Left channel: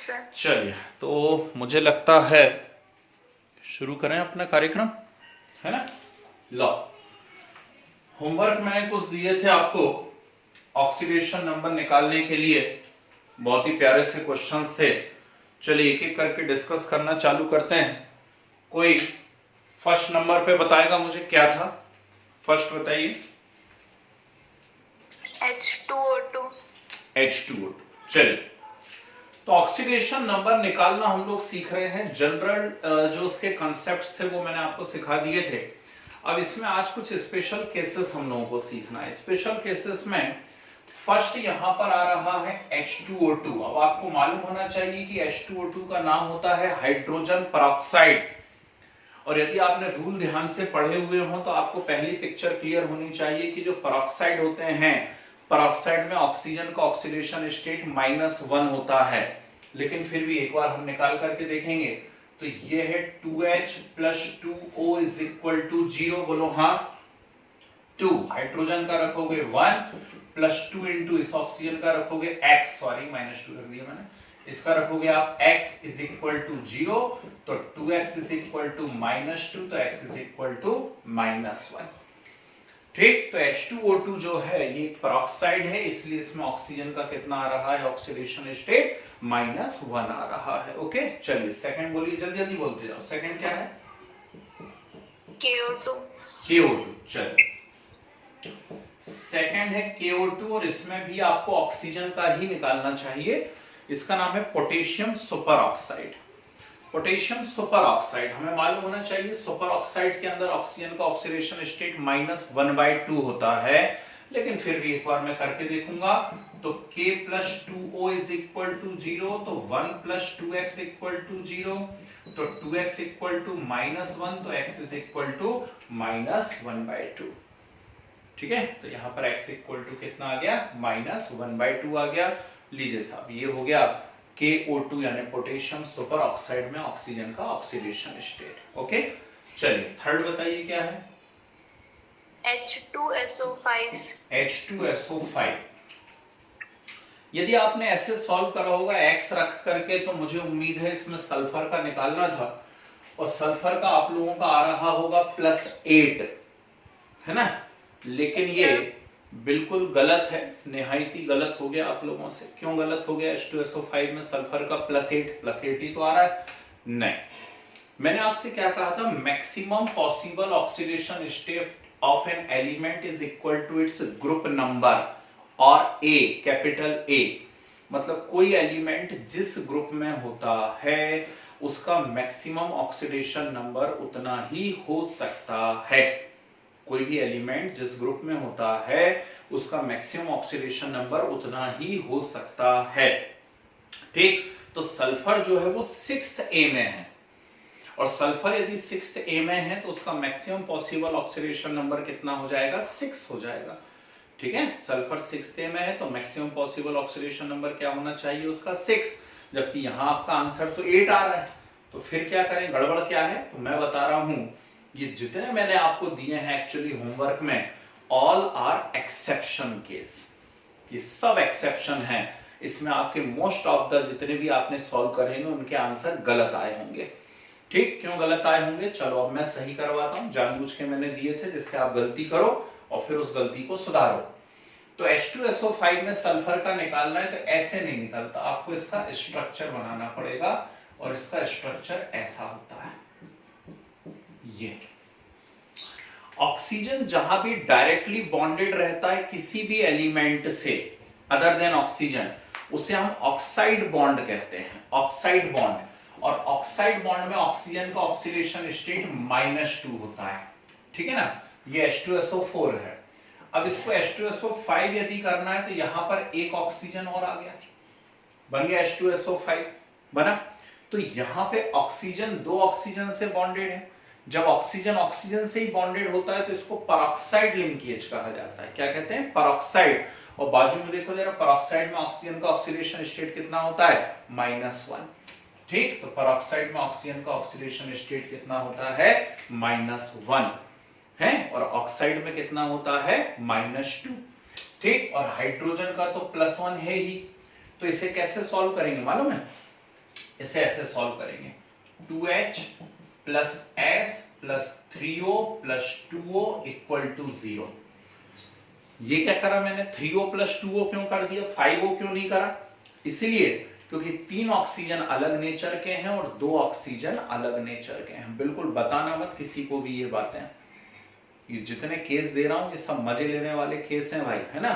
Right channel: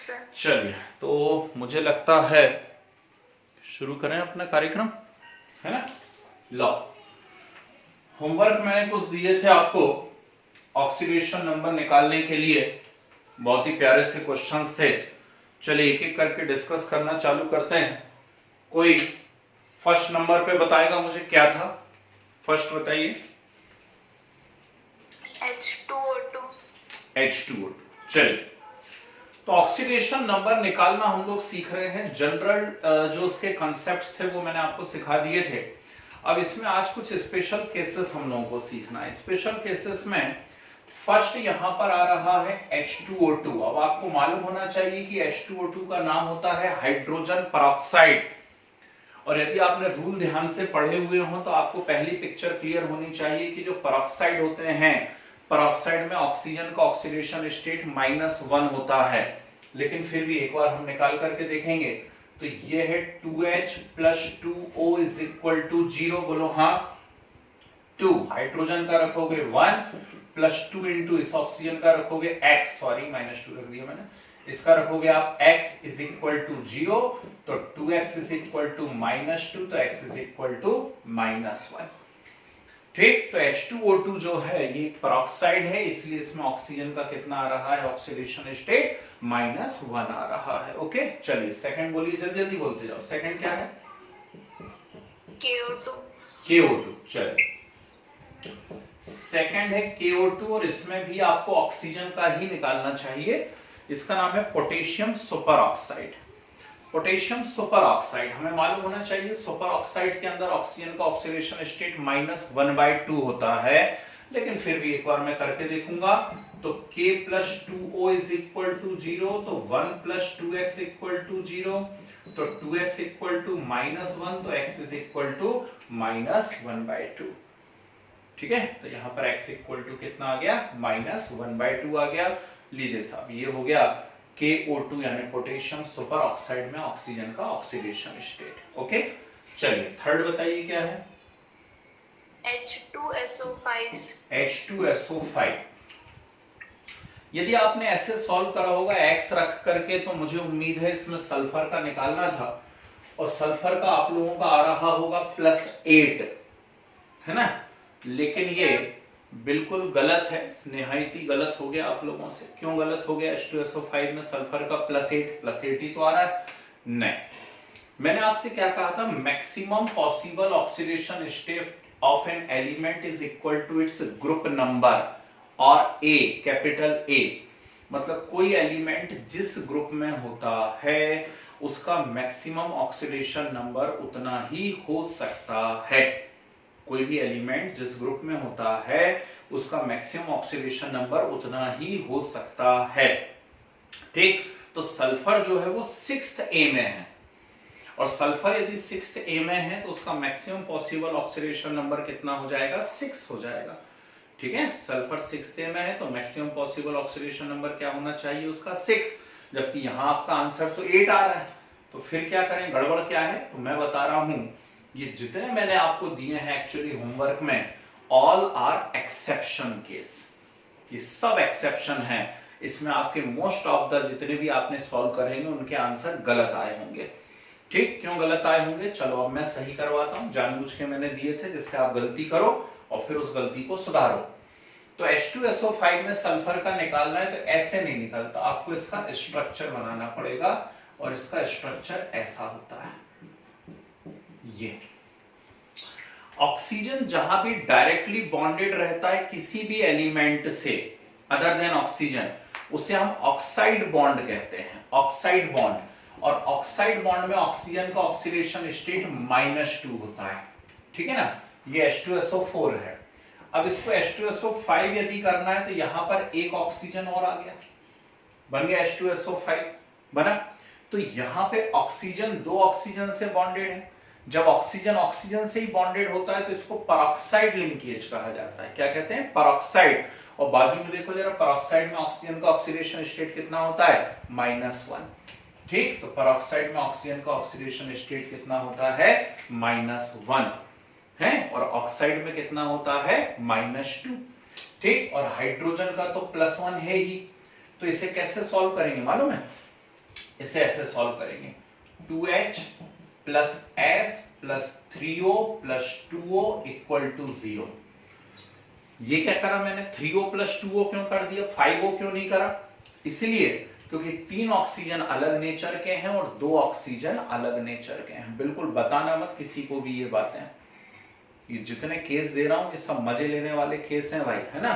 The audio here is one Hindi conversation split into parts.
सर। चलिए, तो मुझे लगता है शुरू करें अपना कार्यक्रम, है ना। लो, होमवर्क मैंने कुछ दिए थे आपको ऑक्सीडेशन नंबर निकालने के लिए। बहुत ही प्यारे से क्वेश्चंस थे। चलिए एक एक करके डिस्कस करना चालू करते हैं। कोई फर्स्ट नंबर पे बताएगा मुझे क्या था? फर्स्ट बताइए। H2O2। H2O2। चलिए, तो ऑक्सीडेशन नंबर निकालना हम लोग सीख रहे हैं। जनरल जो उसके कॉन्सेप्ट्स थे वो मैंने आपको सिखा दिए थे। अब इसमें आज कुछ स्पेशल केसेस हम लोगों को सीखना है। स्पेशल केसेस में फर्स्ट यहां पर आ रहा है H2O2। अब आपको मालूम होना चाहिए कि H2O2 का नाम होता है हाइड्रोजन परऑक्साइड। और यदि आपने रूल ध्यान से पढ़े हुए हो तो आपको पहली पिक्चर क्लियर होनी चाहिए कि जो परऑक्साइड होते हैं, परऑक्साइड में ऑक्सीजन का ऑक्सीडेशन स्टेट -1 होता है। लेकिन फिर भी एक बार हम निकाल करके देखेंगे तो ये है 2H + 2O = 0। बोलो हाँ। 2 हाइड्रोजन का रखोगे 1 + 2 इंटू इस ऑक्सीजन का रखोगे x, सॉरी -2 रख दिया मैंने, इसका रखोगे आप x = 0, तो 2x = -2, तो x = -1। ठीक, तो H2O2 जो है ये परऑक्साइड है, इसलिए इसमें ऑक्सीजन का कितना आ रहा है? ऑक्सीडेशन स्टेट -1 आ रहा है। ओके, चलिए सेकंड बोलिए, जल्दी जल्दी बोलते जाओ। सेकंड क्या है? KO2। KO2। चलिए, सेकंड है KO2 और इसमें भी आपको ऑक्सीजन का ही निकालना चाहिए। इसका नाम है potassium super oxide. Potassium super oxide हमें मालूम होना चाहिए, सुपर ऑक्साइड के अंदर ऑक्सीजन का ऑक्सीडेशन स्टेट -1/2 होता है। लेकिन फिर भी एक बार मैं करके देखूंगा। तो K + 2O = 0, तो 1 + 2x = 0, तो 2x = -1, तो x = -1/2। ठीक है, तो यहां पर x = कितना आ गया? -1/2 आ गया। लीजिए साहब, ये हो गया KO2 यानी पोटेशियम सुपर ऑक्साइड में ऑक्सीजन का ऑक्सीडेशन स्टेट। ओके, चलिए थर्ड बताइए क्या है? H2SO5। H2SO5। यदि आपने ऐसे सॉल्व करा होगा x रख करके, तो मुझे उम्मीद है इसमें सल्फर का निकालना था, और सल्फर का आप लोगों का आ रहा होगा +8, है ना। लेकिन ये बिल्कुल गलत है, निहायत ही गलत हो गया आप लोगों से। क्यों गलत हो गया? H2SO5 में सल्फर का +8 ही तो आ रहा है। नहीं, मैंने आपसे क्या कहा था? Maximum possible oxidation state of an element is equal to its group number और A, कैपिटल A। मतलब कोई एलिमेंट जिस ग्रुप में होता है उसका मैक्सिमम ऑक्सीडेशन नंबर उतना ही हो सकता है। कोई भी एलिमेंट जिस ग्रुप में होता है उसका मैक्सिमम ऑक्सीडेशन नंबर उतना ही हो सकता है। ठीक, तो सल्फर जो है वो 6th A में है, और सल्फर यदि 6th A में है तो उसका मैक्सिमम पॉसिबल ऑक्सीडेशन नंबर कितना हो जाएगा? 6 हो जाएगा। ठीक है, सल्फर 6th A में है तो मैक्सिमम पॉसिबल ऑक्सीडेशन नंबर क्या होना चाहिए? उसका 6, जबकि यहां आपका आंसर तो 8 आ रहा है। तो फिर क्या करें? गड़बड़ क्या है? तो मैं बता रहा हूं, ये जितने मैंने आपको दिए हैं एक्चुअली होमवर्क में, ऑल आर एक्सेप्शन केस। ये सब एक्सेप्शन है। इसमें आपके मोस्ट ऑफ द जितने भी आपने सॉल्व करेंगे उनके आंसर गलत आए होंगे। ठीक, क्यों गलत आए होंगे? चलो अब मैं सही करवाता हूं। जानबूझ के मैंने दिए थे जिससे आप गलती करो और फिर उस गलती को सुधारो। तो H2SO5 में सल्फर का निकालना है तो ऐसे नहीं निकलता, आपको इसका स्ट्रक्चर बनाना पड़ेगा, और इसका स्ट्रक्चर ऐसा होता है। ये ऑक्सीजन जहां भी डायरेक्टली बॉन्डेड रहता है किसी भी एलिमेंट से अदर देन ऑक्सीजन, उसे हम ऑक्साइड बॉन्ड कहते हैं। ऑक्साइड बॉन्ड, और ऑक्साइड बॉन्ड में ऑक्सीजन का ऑक्सीडेशन स्टेट -2 होता है। ठीक है ना, ये H2SO4 है। अब इसको H2SO5 यदि करना है तो यहां पर एक ऑक्सीजन और आ गया, बन गया H2SO5 बना। तो यहां पे ऑक्सीजन 2 ऑक्सीजन से बॉन्डेड है। जब ऑक्सीजन ऑक्सीजन से ही बॉन्डेड होता है तो इसको परऑक्साइड लिंकेज कहा जाता है। क्या कहते हैं? परऑक्साइड। और बाजू में देखो जरा, परऑक्साइड में ऑक्सीजन का ऑक्सीडेशन स्टेट कितना होता है? -1। ठीक, तो परऑक्साइड में ऑक्सीजन का ऑक्सीडेशन स्टेट कितना होता है? -1 है, और ऑक्साइड में कितना होता है? -2। ठीक, और हाइड्रोजन का तो +1 है ही। तो इसे कैसे सॉल्व करेंगे मालूम है? इसे ऐसे सॉल्व करेंगे 2H plus S plus 3O plus 2O equal to 0। ये क्या करा मैंने, 3O प्लस 2O क्यों कर दिया, 5O क्यों नहीं करा? इसलिए क्योंकि 3 ऑक्सीजन अलग नेचर के हैं और 2 ऑक्सीजन अलग नेचर के हैं। बिल्कुल बताना मत किसी को भी ये बातें, ये जितने केस दे रहा हूं ये सब मजे लेने वाले केस हैं भाई, है ना।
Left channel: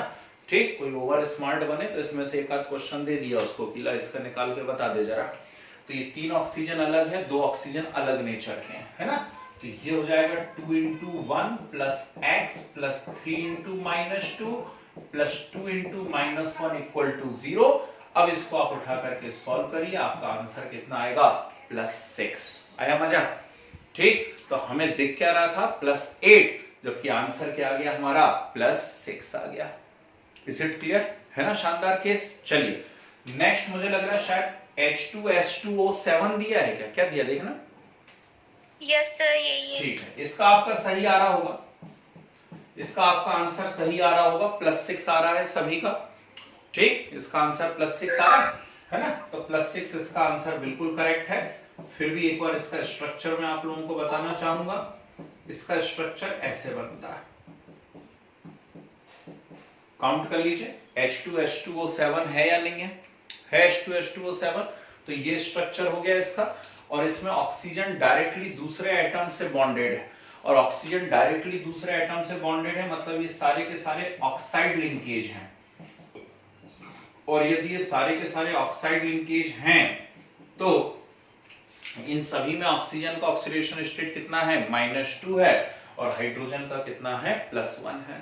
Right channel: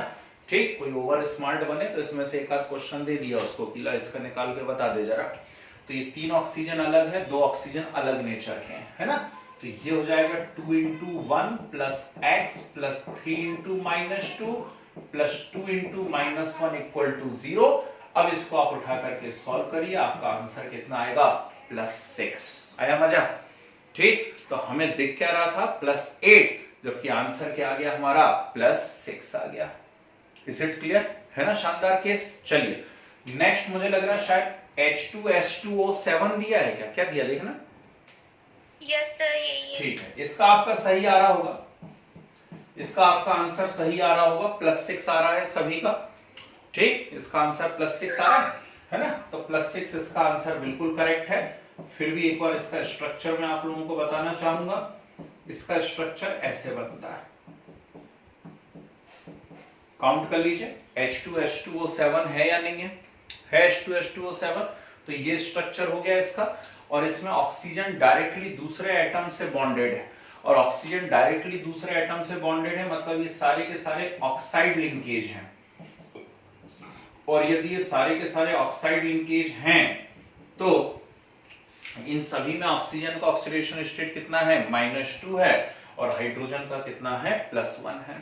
ठीक, कोई ओवर स्मार्ट बने तो इसमें से एक आध क्वेश्चन दे दिया उसको कि ला इसका निकाल के बता दे जरा। तो ये 3 ऑक्सीजन अलग है, 2 ऑक्सीजन अलग नेचर के हैं, है ना। तो ये हो जाएगा 2 into 1 plus x plus 3 into minus 2 plus 2 into minus 1 equal to 0। अब इसको आप उठा करके सॉल्व करिए, आपका आंसर कितना आएगा, +6। आया मजा? ठीक, तो हमें दिख क्या रहा था, +8, जबकि आंसर क्या आ गया हमारा, +6 आ गया। इज इट क्लियर, है ना। शानदार केस। चलिए नेक्स्ट, मुझे लग रहा है शायद H2H2O7 दिया है क्या, क्या दिया देखना। यस सर, यही है। ठीक है, इसका आपका सही आ रहा होगा, इसका आपका आंसर सही आ रहा होगा, +6 आ रहा है सभी का। ठीक, इसका आंसर +6 आ रहा है ना। तो +6 इसका आंसर बिल्कुल करेक्ट है। फिर भी एक बार इसका स्ट्रक्चर मैं आप लोगों को बताना चाहूंगा। इसका स्ट्रक्चर ऐसे बनता है, काउंट कर लीजिए, H2H2O7 है या नहीं है H2H2O7। तो ये स्ट्रक्चर हो गया इसका, और इसमें ऑक्सीजन डायरेक्टली दूसरे एटम से बॉन्डेड है, और ऑक्सीजन डायरेक्टली दूसरे एटम से बॉन्डेड है, मतलब ये सारे के सारे ऑक्साइड लिंकेज हैं। और यदि ये सारे के सारे ऑक्साइड लिंकेज हैं तो इन सभी में ऑक्सीजन का ऑक्सीडेशन स्टेट कितना है, -2 है, और हाइड्रोजन का कितना है, +1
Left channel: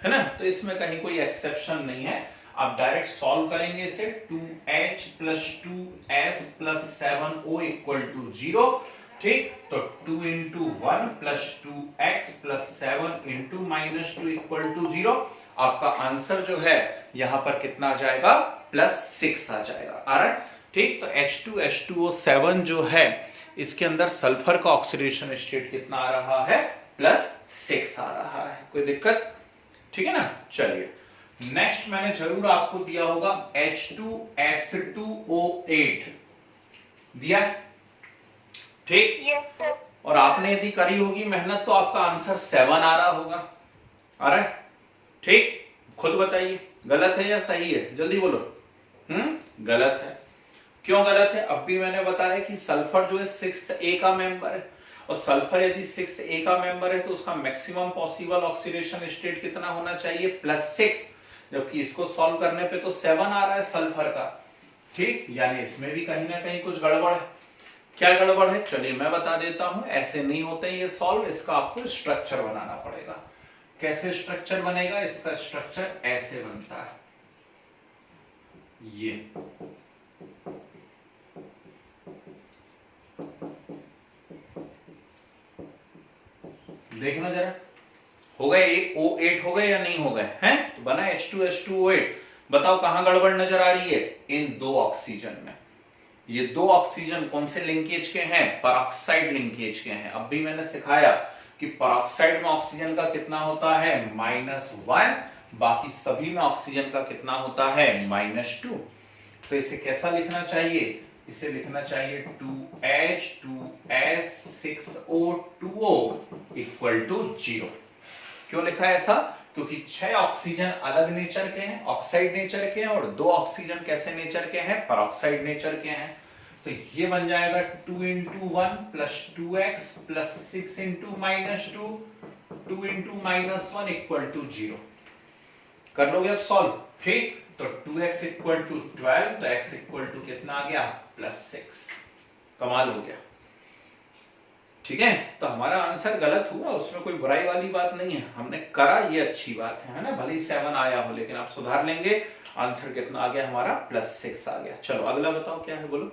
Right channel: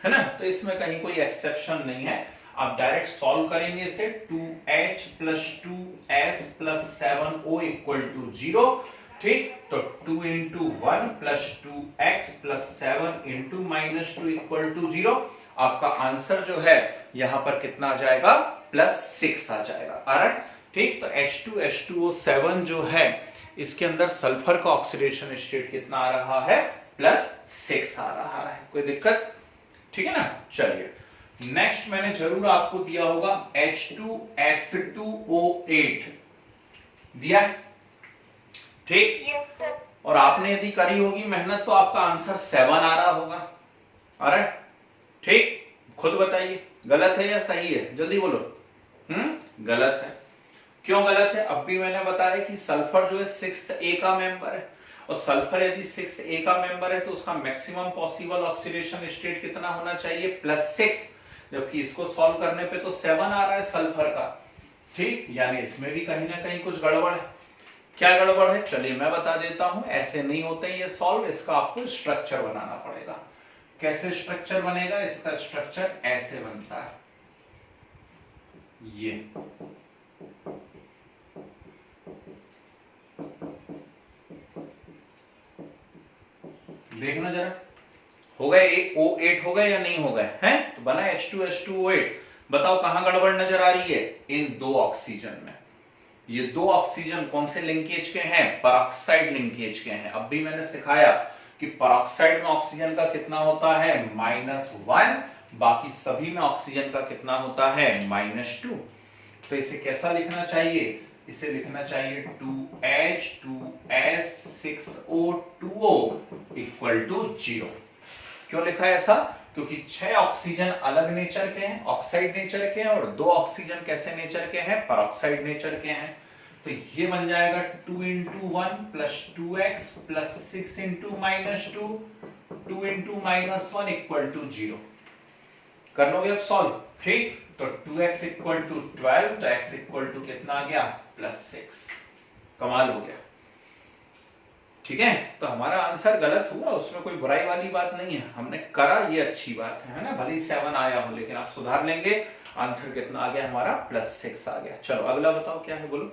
है ना। तो इसमें कहीं कोई एक्सेप्शन नहीं है। आप डायरेक्ट सॉल्व करेंगे इसे, 2H plus 2S plus 7O equal to 0। ठीक, तो 2 into 1 plus 2x plus 7 into -2 equal to 0। आपका आंसर जो है यहां पर कितना आ जाएगा, +6 आ जाएगा। आ रहा है? ठीक, तो H2H2O7 जो है इसके अंदर सल्फर का ऑक्सीडेशन स्टेट कितना आ रहा है, +6 आ रहा है। कोई दिक्कत? ठीक है ना। चलिए नेक्स्ट, मैंने जरूर आपको दिया होगा H2S2O8 दिया है। ठीक, यस सर। और आपने यदि करी होगी मेहनत तो आपका आंसर 7 आ रहा होगा। आ रहा है? ठीक, खुद बताइए गलत है या सही है, जल्दी बोलो। गलत है। क्यों गलत है? अब भी मैंने बताया कि सल्फर जो है 6th A का मेंबर है, और सल्फर यदि 6th A का मेंबर है तो उसका मैक्सिमम पॉसिबल ऑक्सीडेशन स्टेट कितना होना चाहिए, +6, जबकि इसको सॉल्व करने पे तो 7 आ रहा है सल्फर का। ठीक, यानी इसमें भी कहीं ना कहीं कुछ गड़बड़ है। क्या गड़बड़ है, चलिए मैं बता देता हूं। ऐसे नहीं होते ये सॉल्व, इसका आपको स्ट्रक्चर बनाना पड़ेगा। कैसे स्ट्रक्चर बनेगा? इसका स्ट्रक्चर ऐसे बनता है, ये देखना जरा, हो गए ये O8 हो गए या नहीं हो गए हैं? तो बना H2H2O8। बताओ कहां गड़बड़ नजर आ रही है, इन 2 ऑक्सीजन में। ये 2 ऑक्सीजन कौन से लिंकेज के हैं, पेरोक्साइड लिंकेज के हैं। अब भी मैंने सिखाया कि पेरोक्साइड में ऑक्सीजन का कितना होता है, -1, बाकी सभी में ऑक्सीजन का कितना होता है, -2। तो इसे कैसा लिखना चाहिए, इसे लिखना चाहिए 2H 2S 6O 2O equal to 0। क्यों लिखा है ऐसा? क्योंकि 6 ऑक्सीजन अलग नेचर के हैं, ऑक्साइड नेचर के हैं, और 2 ऑक्सीजन कैसे नेचर के हैं, पेरोक्साइड नेचर के हैं। तो ये बन जाएगा 2 into 1 plus 2x plus 6 into -2 2 into -1 equal to 0। कर लोगे अब सॉल्व? ठीक, तो 2x इक्वल टू 12, तो x इक्वल टू कितना आ गया, +6। कमाल हो गया। ठीक है, तो हमारा आंसर गलत हुआ, उसमें कोई बुराई वाली बात नहीं है, हमने करा ये अच्छी बात है ना। भले 7 आया हो लेकिन आप सुधार लेंगे। आंसर कितना आ गया हमारा, +6 आ गया। चलो अगला बताओ क्या है, बोलो।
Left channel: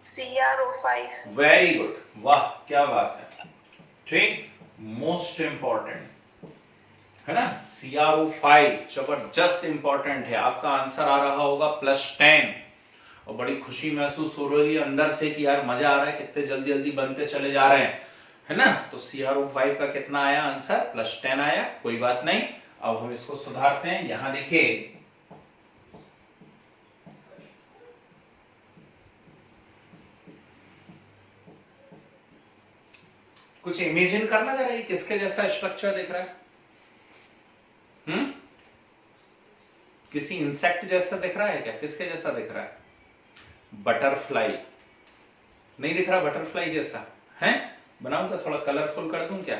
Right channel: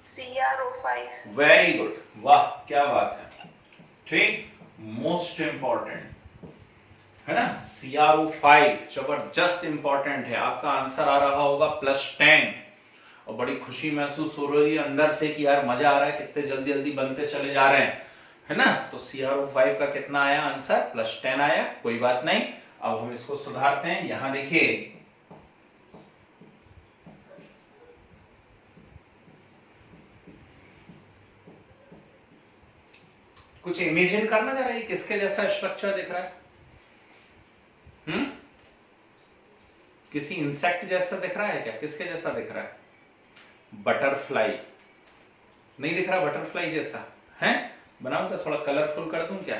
CrO5। वेरी गुड, वाह क्या बात है। ठीक, मोस्ट इंपॉर्टेंट है ना, CrO5 जबरदस्त इंपॉर्टेंट है। आपका आंसर आ रहा होगा +10, और बड़ी खुशी महसूस हो रही है अंदर से कि यार मजा आ रहा है, कितने जल्दी जल्दी बनते चले जा रहे हैं, है ना। तो CrO5 का कितना आया आंसर, +10 आया। कोई बात नहीं, अब हम इसको सुधारते हैं। यहां देखिए कुछ इमेजिन करना जरा, ये किसके जैसा स्ट्रक्चर दिख रहा है? किसी इंसेक्ट जैसा दिख रहा है क्या? किसके जैसा दिख रहा है? बटरफ्लाई नहीं दिख रहा? बटरफ्लाई जैसा है? बनाऊं क्या, थोड़ा कलरफुल कर दूं क्या?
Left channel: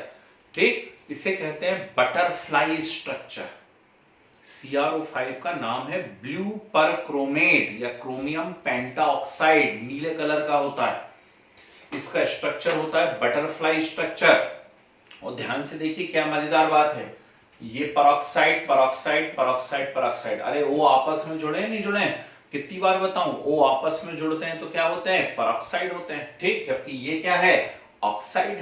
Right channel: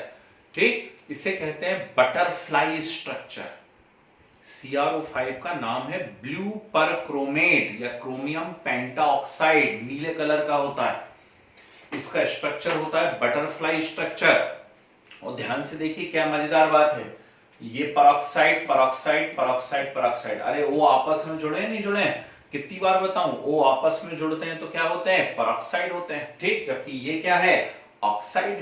ठीक, इसे कहते हैं बटरफ्लाई स्ट्रक्चर। CrO5 का नाम है ब्लू परक्रोमेट या क्रोमियम पेंटाऑक्साइड, नीले कलर का होता है। इसका स्ट्रक्चर होता है बटरफ्लाई स्ट्रक्चर। और ध्यान से देखिए क्या मजेदार बात है, ये परऑक्साइड परऑक्साइड परऑक्साइड परऑक्साइड, अरे वो आपस में जुड़े हैं नहीं जुड़े हैं? कितनी बार बताऊं, वो आपस में जुड़ते हैं तो क्या होते हैं? परऑक्साइड होते हैं। ठीक, जबकि ये क्या है? ऑक्साइड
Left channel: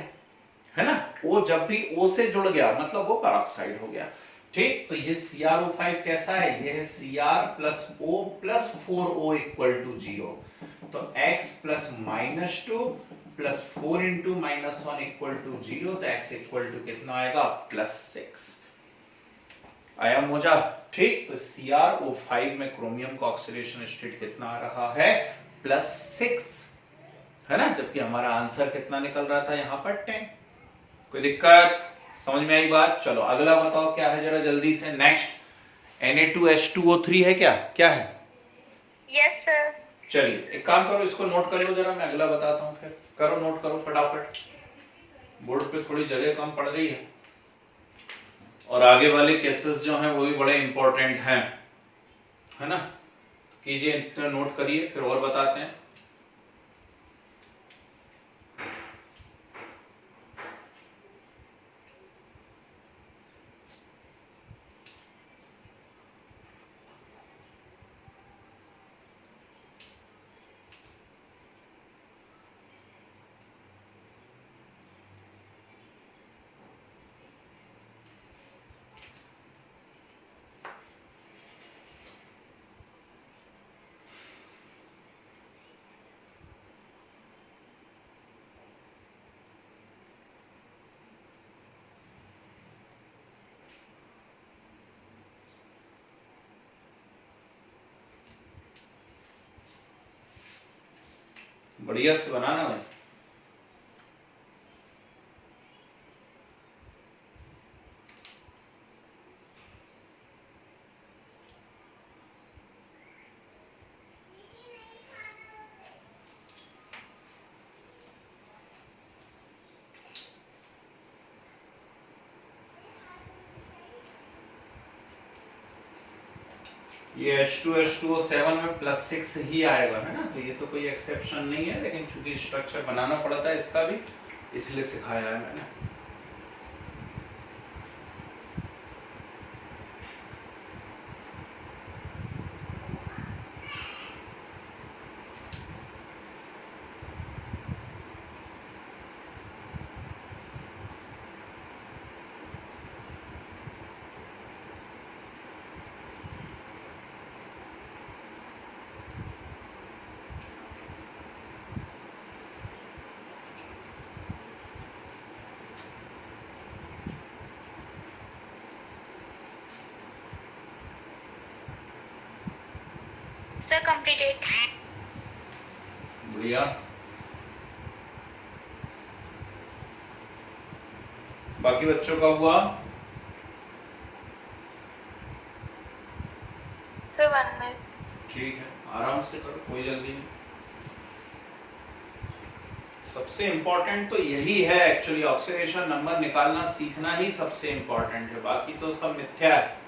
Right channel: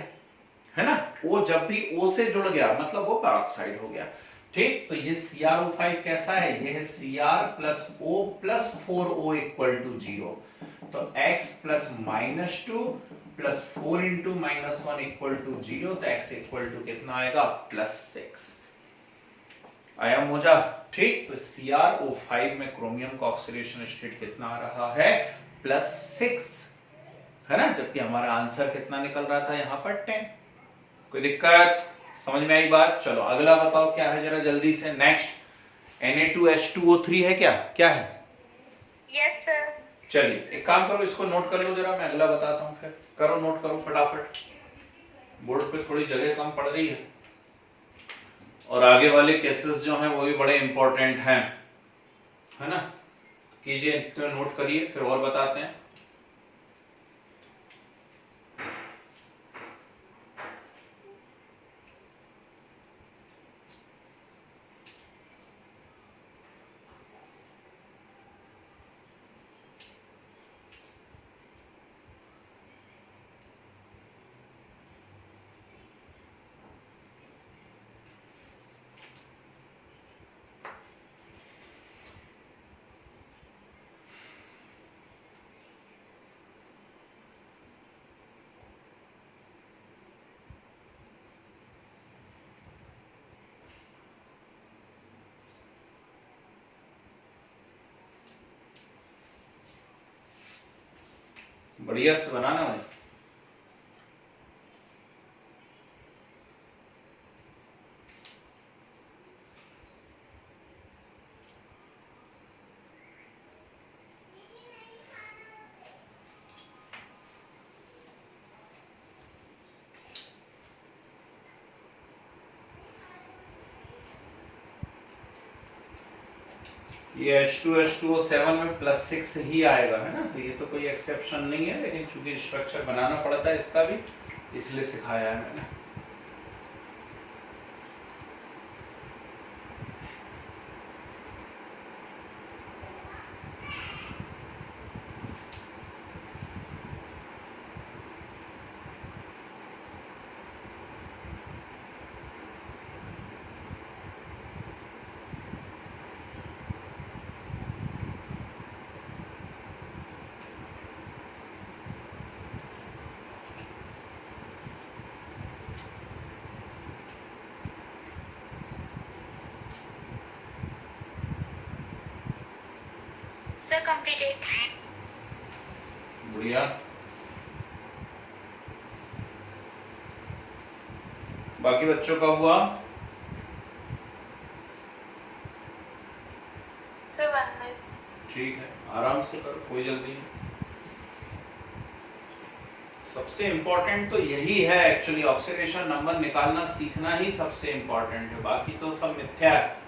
है ना? वो जब भी O से जुड़ गया मतलब वो परऑक्साइड हो गया। ठीक, तो ये CrO5 कैसा है? ये है Cr plus O plus 4O equal to 0। तो x plus -2 plus 4 into -1 equal to 0, तो x इक्वल टू कितना आएगा? +6 आया मोजा। ठीक, तो CrO5 में क्रोमियम का ऑक्सीडेशन स्टेट कितना आ रहा है? +6 है ना? जबकि हमारा आंसर कितना निकल रहा था यहाँ पर? 10। कोई दिक्कत? समझ में आई बात? चलो अगला बताओ क्या है जरा जल्दी से। नेक्स्ट Na2H2O3 है क्या? क्या है? Yes sir. चलिए एक काम करो, इसको नोट कर लो जरा, मैं अगला बताता हूं। फिर करो, नोट करो फटाफट, बोर्ड पे थोड़ी जगह कम पड़ रही है और आगे वाले केसेस जो हैं वो भी बड़े इंपॉर्टेंट हैं, है ना? कीजिए, तो नोट करिए, फिर और बताते हैं। बढ़िया से बनाना भाई। ये H2H2O7 में +6 ही आएगा, है ना? तो ये तो कोई एक्सेप्शन नहीं है, लेकिन चूंकि स्ट्रक्चर बनाना पड़ता है इसका भी, इसलिए सिखाया है मैंने। Sir completed. बढ़िया। बाकी बच्चों का हुआ? Sir 1 minute. ठीक है, आराम से करो, कोई जल्दी नहीं। सबसे इंपॉर्टेंट तो यही है एक्चुअली, ऑक्सीडेशन नंबर निकालना सीखना ही सबसे इंपॉर्टेंट है, बाकी तो सब मिथ्या है।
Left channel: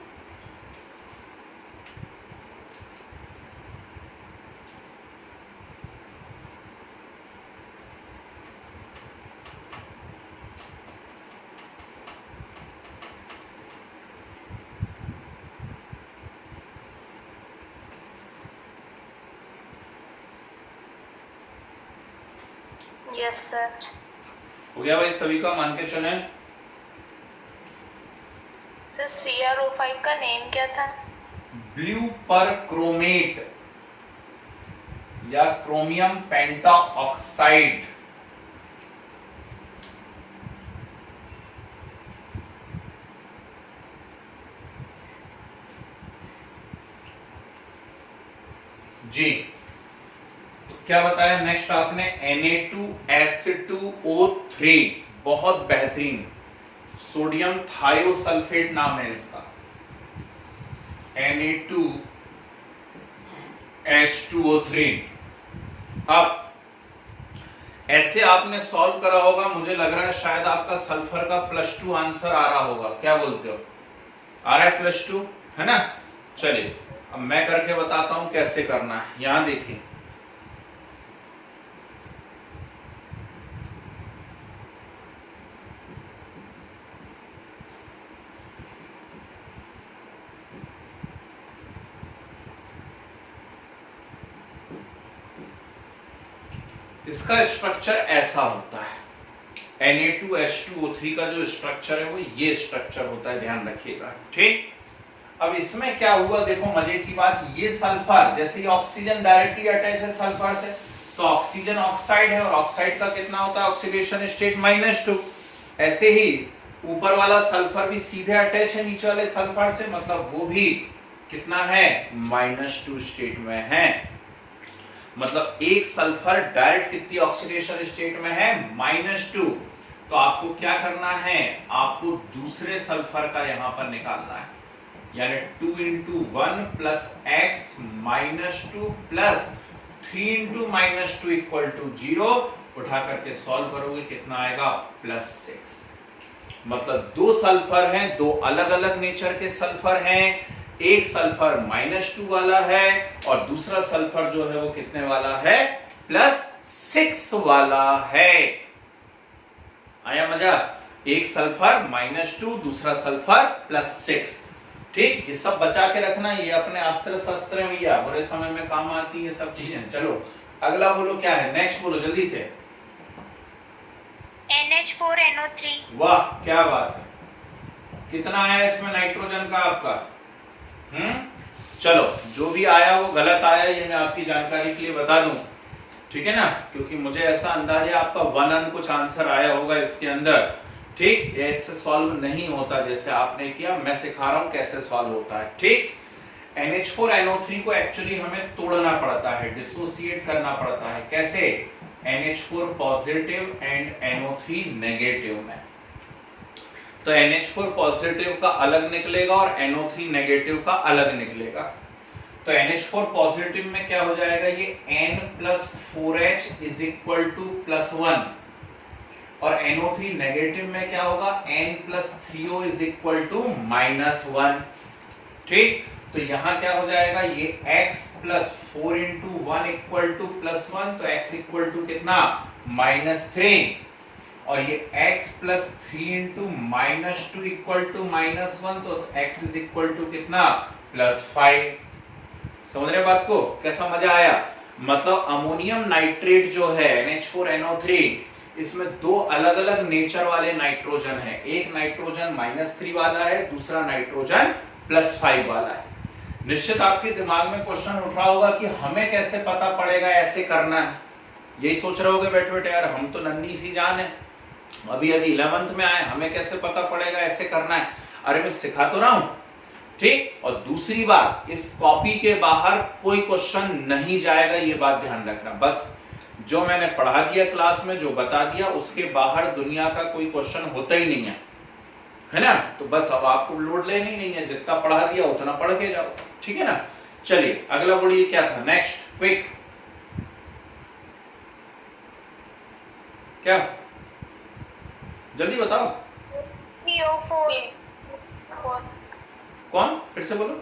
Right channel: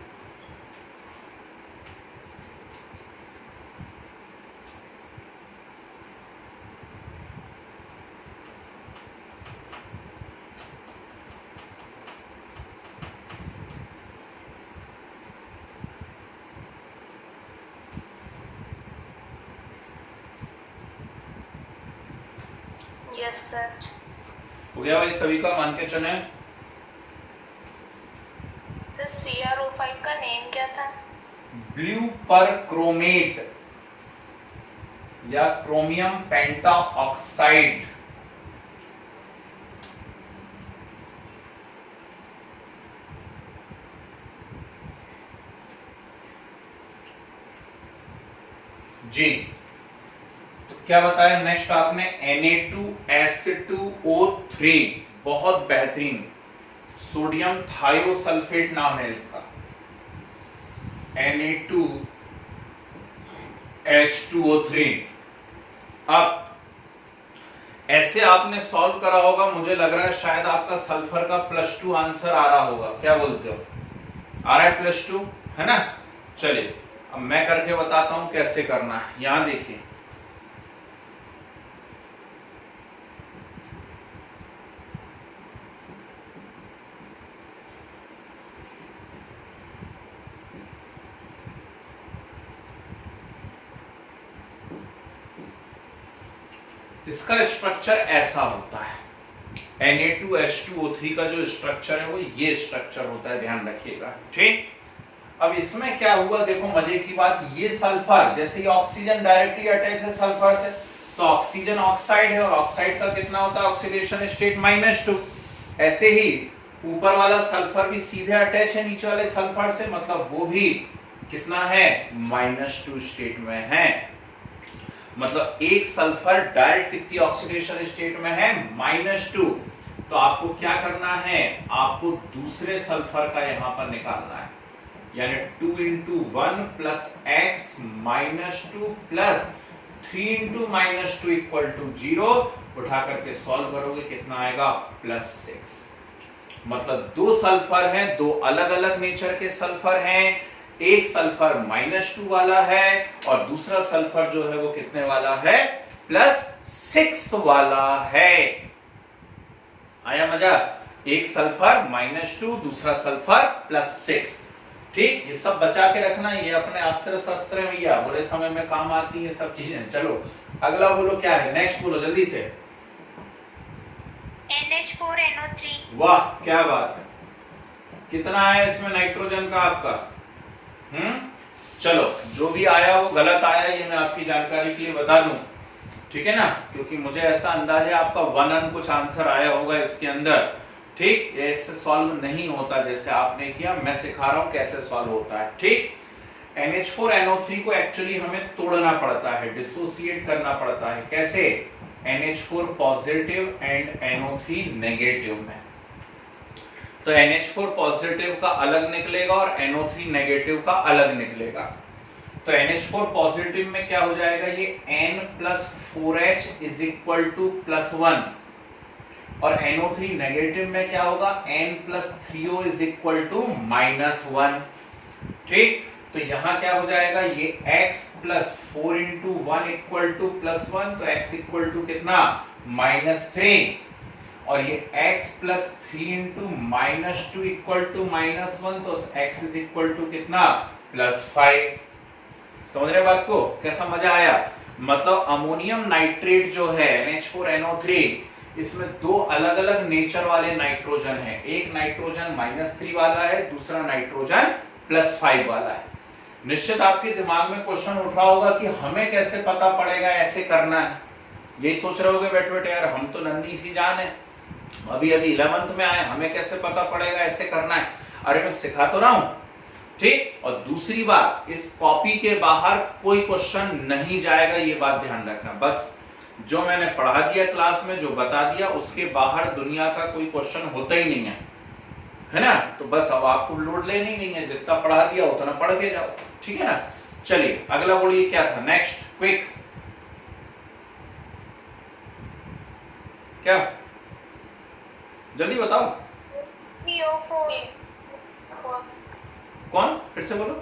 Yes sir. हो गया भाई सभी का? मान के चले। सर CrO5 का नेम क्या था? ब्लू परक्रोमेट या क्रोमियम पेंटाऑक्साइड। जी, तो क्या बताया नेक्स्ट आपने? Na2S2O3, बहुत बेहतरीन सोडियम थायोसल्फेट नाम है इसका, Na2H2O3। अब ऐसे आपने सॉल्व करा होगा, मुझे लग रहा है शायद आपका सल्फर का +2 आंसर आ रहा होगा, क्या बोलते हो? आ रहा है +2, है ना? चलिए अब मैं करके बताता हूं कैसे करना है। यहां देखिए, इसका स्ट्रक्चर ऐसा होता है। Na2H2O3 का जो स्ट्रक्चर है वो ये स्ट्रक्चर होता है, ध्यान रखिएगा, ठीक। अब इसमें क्या हुआ, देखो मजे की बात, ये सल्फर, जैसे कि ऑक्सीजन डायरेक्टली अटैच है सल्फर से, तो ऑक्सीजन ऑक्साइड है, और ऑक्साइड का कितना होता है ऑक्सीडेशन स्टेट -2। ऐसे ही ऊपर वाला सल्फर भी सीधे अटैच है नीचे वाले सल्फर से, मतलब वो भी कितना है -2 स्टेट में है। मतलब एक सल्फर डायरेक्ट कितनी ऑक्सीडेशन स्टेट में है -2। तो आपको क्या करना है, आपको दूसरे सल्फर का यहां पर निकालना है, यानी 2 × 1 + x -2 + 3 × -2 = 0। उठा करके सॉल्व करोगे कितना आएगा +6। मतलब दो सल्फर हैं, दो अलग अलग नेचर के सल्फर हैं। एक सल्फर -2 वाला है और दूसरा सल्फर जो है वो कितने वाला है +6 वाला है। आया मजा? एक सल्फर -2, दूसरा सल्फर +6। ठीक, ये सब बचा के रखना, ये अपने अस्त्र शस्त्र में या बुरे समय में काम आती है सब चीजें। चलो अगला बोलो क्या है, नेक्स्ट बोलो जल्दी से। NH4NO3। वाह क्या बात है, कितना आया इसमें नाइट्रोजन का आपका? चलो जो भी आया वो गलत आया, ये मैं आपकी जानकारी के लिए बता दूं, ठीक है ना, क्योंकि मुझे ऐसा अंदाजा है आपका 1 अन कुछ आंसर आया होगा इसके अंदर। ठीक, ऐसे सॉल्व नहीं होता जैसे आपने किया, मैं सिखा रहा हूं कैसे सॉल्व होता है। ठीक, NH4NO3 को एक्चुअली हमें तोड़ना पड़ता है, डिसोसिएट करना पड़ता है। कैसे? NH4 positive and NO3 negative में। तो NH4 पॉजिटिव का अलग निकलेगा और NO3 नेगेटिव का अलग निकलेगा। तो NH4 पॉजिटिव में क्या हो जाएगा, ये N + 4H = +1, और NO3 नेगेटिव में क्या होगा, N + 3O = -1। ठीक, तो यहां क्या हो जाएगा, ये x + 4 × 1 = +1, तो x = कितना -3, और ये x + 3 × -2 = -1, तो x = कितना +5। समझ रहे बात को? कैसा मजा आया? मतलब अमोनियम नाइट्रेट जो है NH4NO3, इसमें दो अलग अलग नेचर वाले नाइट्रोजन है। एक नाइट्रोजन -3 वाला है, दूसरा नाइट्रोजन +5 वाला है। निश्चित आपके दिमाग में क्वेश्चन उठा होगा कि हमें कैसे पता पड़ेगा ऐसे करना है। यही सोच रहे होगे बैठे बैठे, यार हम तो नन्ही सी जान है, अभी 11th में आए, हमें कैसे पता पड़ेगा ऐसे करना है। अरे मैं सिखा तो रहा हूं। ठीक, और दूसरी बात, इस कॉपी के बाहर कोई क्वेश्चन नहीं जाएगा, ये बात ध्यान रखना। बस जो मैंने पढ़ा दिया क्लास में, जो बता दिया, उसके बाहर दुनिया का कोई क्वेश्चन होता ही नहीं है ना। तो बस अब आपको लोड लेनी नहीं है, जितना पढ़ा दिया उतना पढ़ के जाओ, ठीक है ना। चलिए अगला बोलिए क्या था, नेक्स्ट क्विक। क्या, जल्दी बताओ। 3O4। कौन, फिर से बोलो।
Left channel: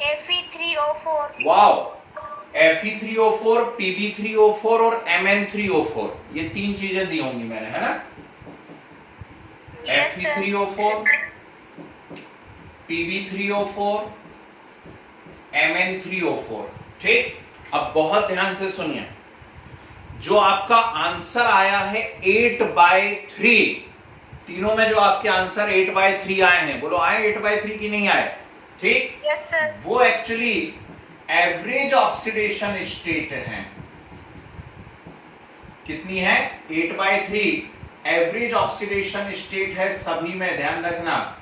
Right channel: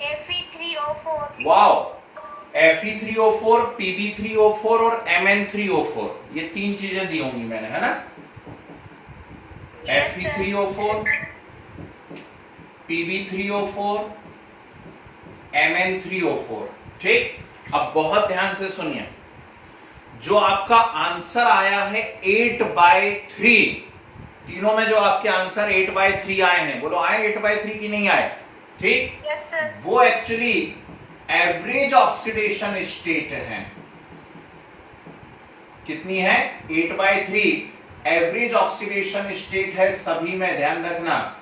Fe3O4। वाओ, Fe3O4, Pb3O4 और Mn3O4, ये तीन चीजें दी होंगी मैंने, है ना। Fe3O4, Pb3O4, Mn3O4। ठीक, अब बहुत ध्यान से सुनिए, जो आपका आंसर आया है 8/3, तीनों में जो आपके आंसर 8/3 आए हैं, बोलो आए 8/3 की नहीं आए? ठीक, यस सर। वो एक्चुअली एवरेज ऑक्सीडेशन स्टेट है। कितनी है? 8/3 एवरेज ऑक्सीडेशन स्टेट है सभी में, ध्यान रखना,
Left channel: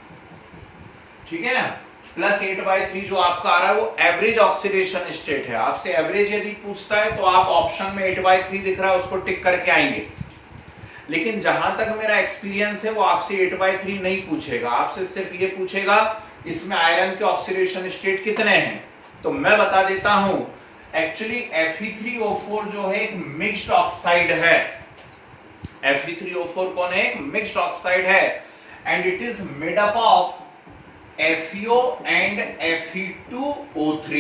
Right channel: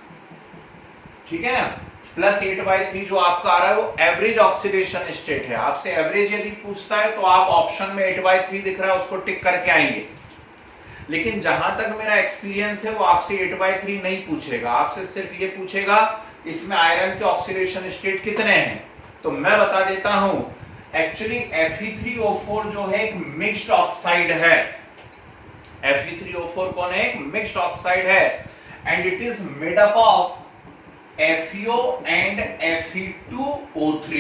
ठीक है ना। +8/3 जो आपका आ रहा है वो एवरेज ऑक्सीडेशन स्टेट है। आपसे एवरेज यदि पूछता है तो आप ऑप्शन में 8/3 दिख रहा है उसको टिक करके आएंगे। लेकिन जहां तक मेरा एक्सपीरियंस है वो आपसे 8/3 नहीं पूछेगा, आपसे सिर्फ ये पूछेगा इसमें आयरन के ऑक्सीडेशन स्टेट कितने हैं। तो मैं बता देता हूं, एक्चुअली Fe3O4 जो है एक मिक्स्ड ऑक्साइड है। Fe3O4 कौन है? एक मिक्स्ड ऑक्साइड है and it is made up of FeO and Fe2O3।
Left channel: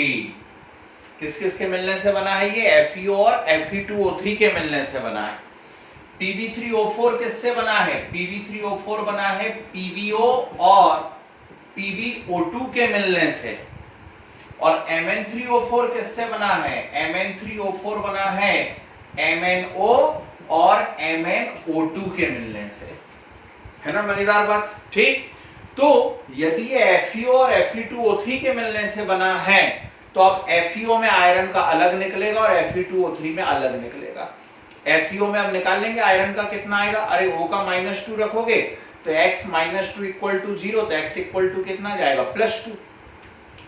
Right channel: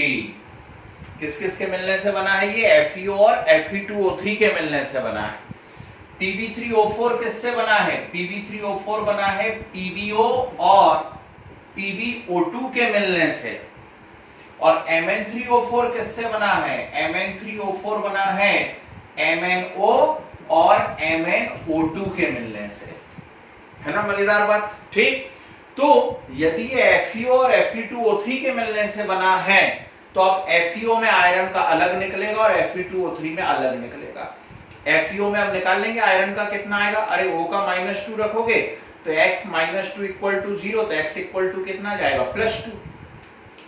किस किस के मिलने से बना है ये? FeO और Fe2O3 के मिलने से बना है। Pb3O4 किससे बना है? Pb3O4 बना है PbO और PbO2 के मिलने से। और Mn3O4 किससे बना है? Mn3O4 बना है MnO और MnO2 के मिलने से। है ना मजेदार बात? ठीक। तो यदि ये FeO और Fe2O3 के मिलने से बना है तो अब FeO में आयरन का अलग निकलेगा और Fe2O3 में अलग निकलेगा। FeO में अब निकाल लेंगे आयरन का कितना आएगा? अरे O का -2 रखोगे तो x -2 इक्वल टू 0, तो x इक्वल टू कितना जाएगा? +2।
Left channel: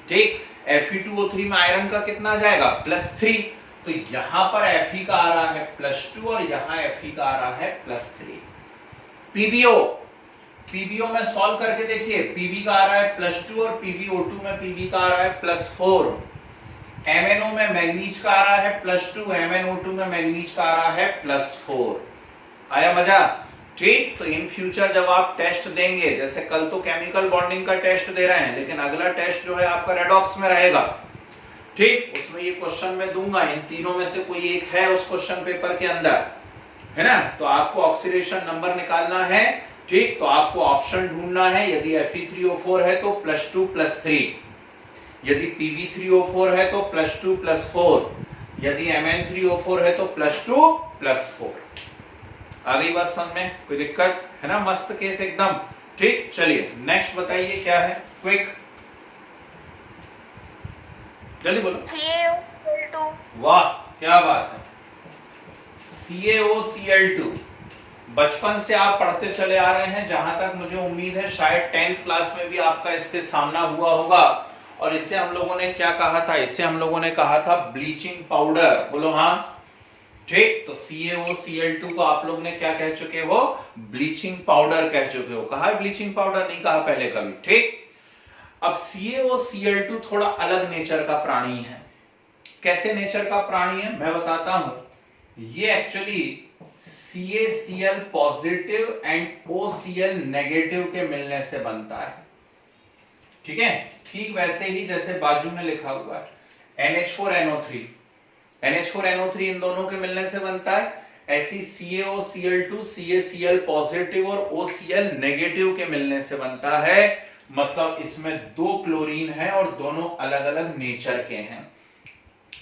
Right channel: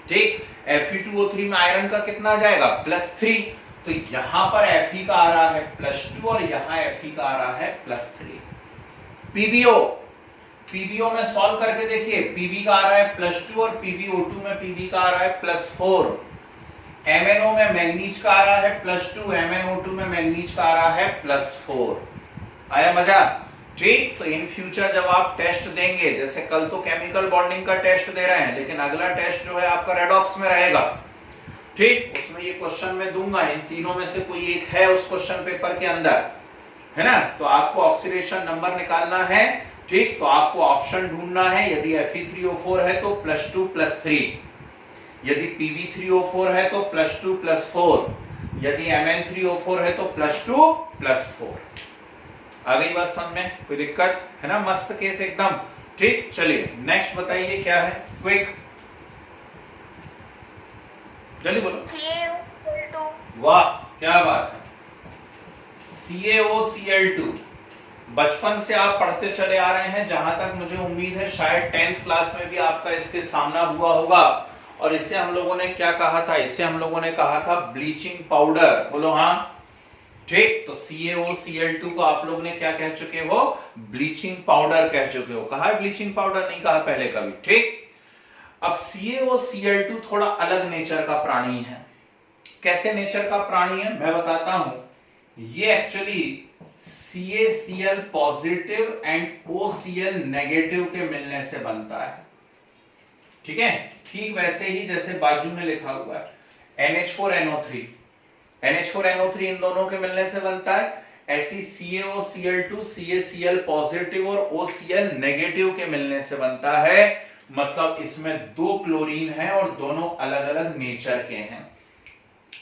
ठीक। Fe2O3 में आयरन का कितना जाएगा? +3। तो यहां पर Fe का आ रहा है +2 और यहां Fe का आ रहा है +3। PbO में सॉल्व करके देखिए, Pb का आ रहा है +2 और PbO2 में Pb का आ रहा है +4। MnO में मैग्नीज का आ रहा है +2, MnO2 में मैग्नीज का आ रहा है +4। आया मजा? ठीक। तो इन फ्यूचर जब आप टेस्ट देंगे, जैसे कल तो केमिकल बॉन्डिंग का टेस्ट दे रहे हैं, लेकिन अगला टेस्ट जो है आपका रेडॉक्स में रहेगा। ठीक। उसमें ये क्वेश्चन मैं दूंगा, इन तीनों में से कोई एक है उस क्वेश्चन पेपर के अंदर, है ना? तो आपको ऑक्सीडेशन नंबर निकालना है। ठीक। तो आपको ऑप्शन ढूंढना है, यदि Fe3O4 है तो +2 +3, यदि Pb3O4 है तो +2 +4, यदि Mn3O4 है तो +2 +4। आ गई बात समझ में? कोई दिक्कत है ना? मस्त केस एकदम। ठीक। चलिए नेक्स्ट बताइए क्या है, क्विक जल्दी बोलो। CaO2। वाह क्या बात है। CaOCl2 बचपन से आप पढ़ते चले आ रहे हैं, जहां तक मुझे उम्मीद है शायद 10th क्लास में भी आपका इसके सामना हुआ होगा। और इसे हम लोगों ने क्या कहा था? इसे हम लोगों ने कहा था ब्लीचिंग पाउडर। बोलो हाँ। ठीक। तो CaOCl2 को आप लोग ने क्या कह चुके हो? ब्लीचिंग पाउडर कह चुके हो। कहा है ब्लीचिंग पाउडर? नहीं कहा पहले कभी। ठीक। अब CaOCl2 थोड़ा अलग नेचर का प्राणी है। कैसे नेचर का प्राणी है मैं बताता हूं। ये actually CaCl positive and OCl negative के मिलने से बनता है। ठीक है। ठीक वैसे ही जैसे बाजू में लिखा हुआ है NH4NO3, NH4NO3 इन दोनों के मिलने से बनता है। ऐसी CaOCl2 CaCl पॉजिटिव और OCl नेगेटिव के मिलने से बनता है। मतलब इसमें 2 क्लोरीन है और दोनों अलग अलग नेचर के हैं।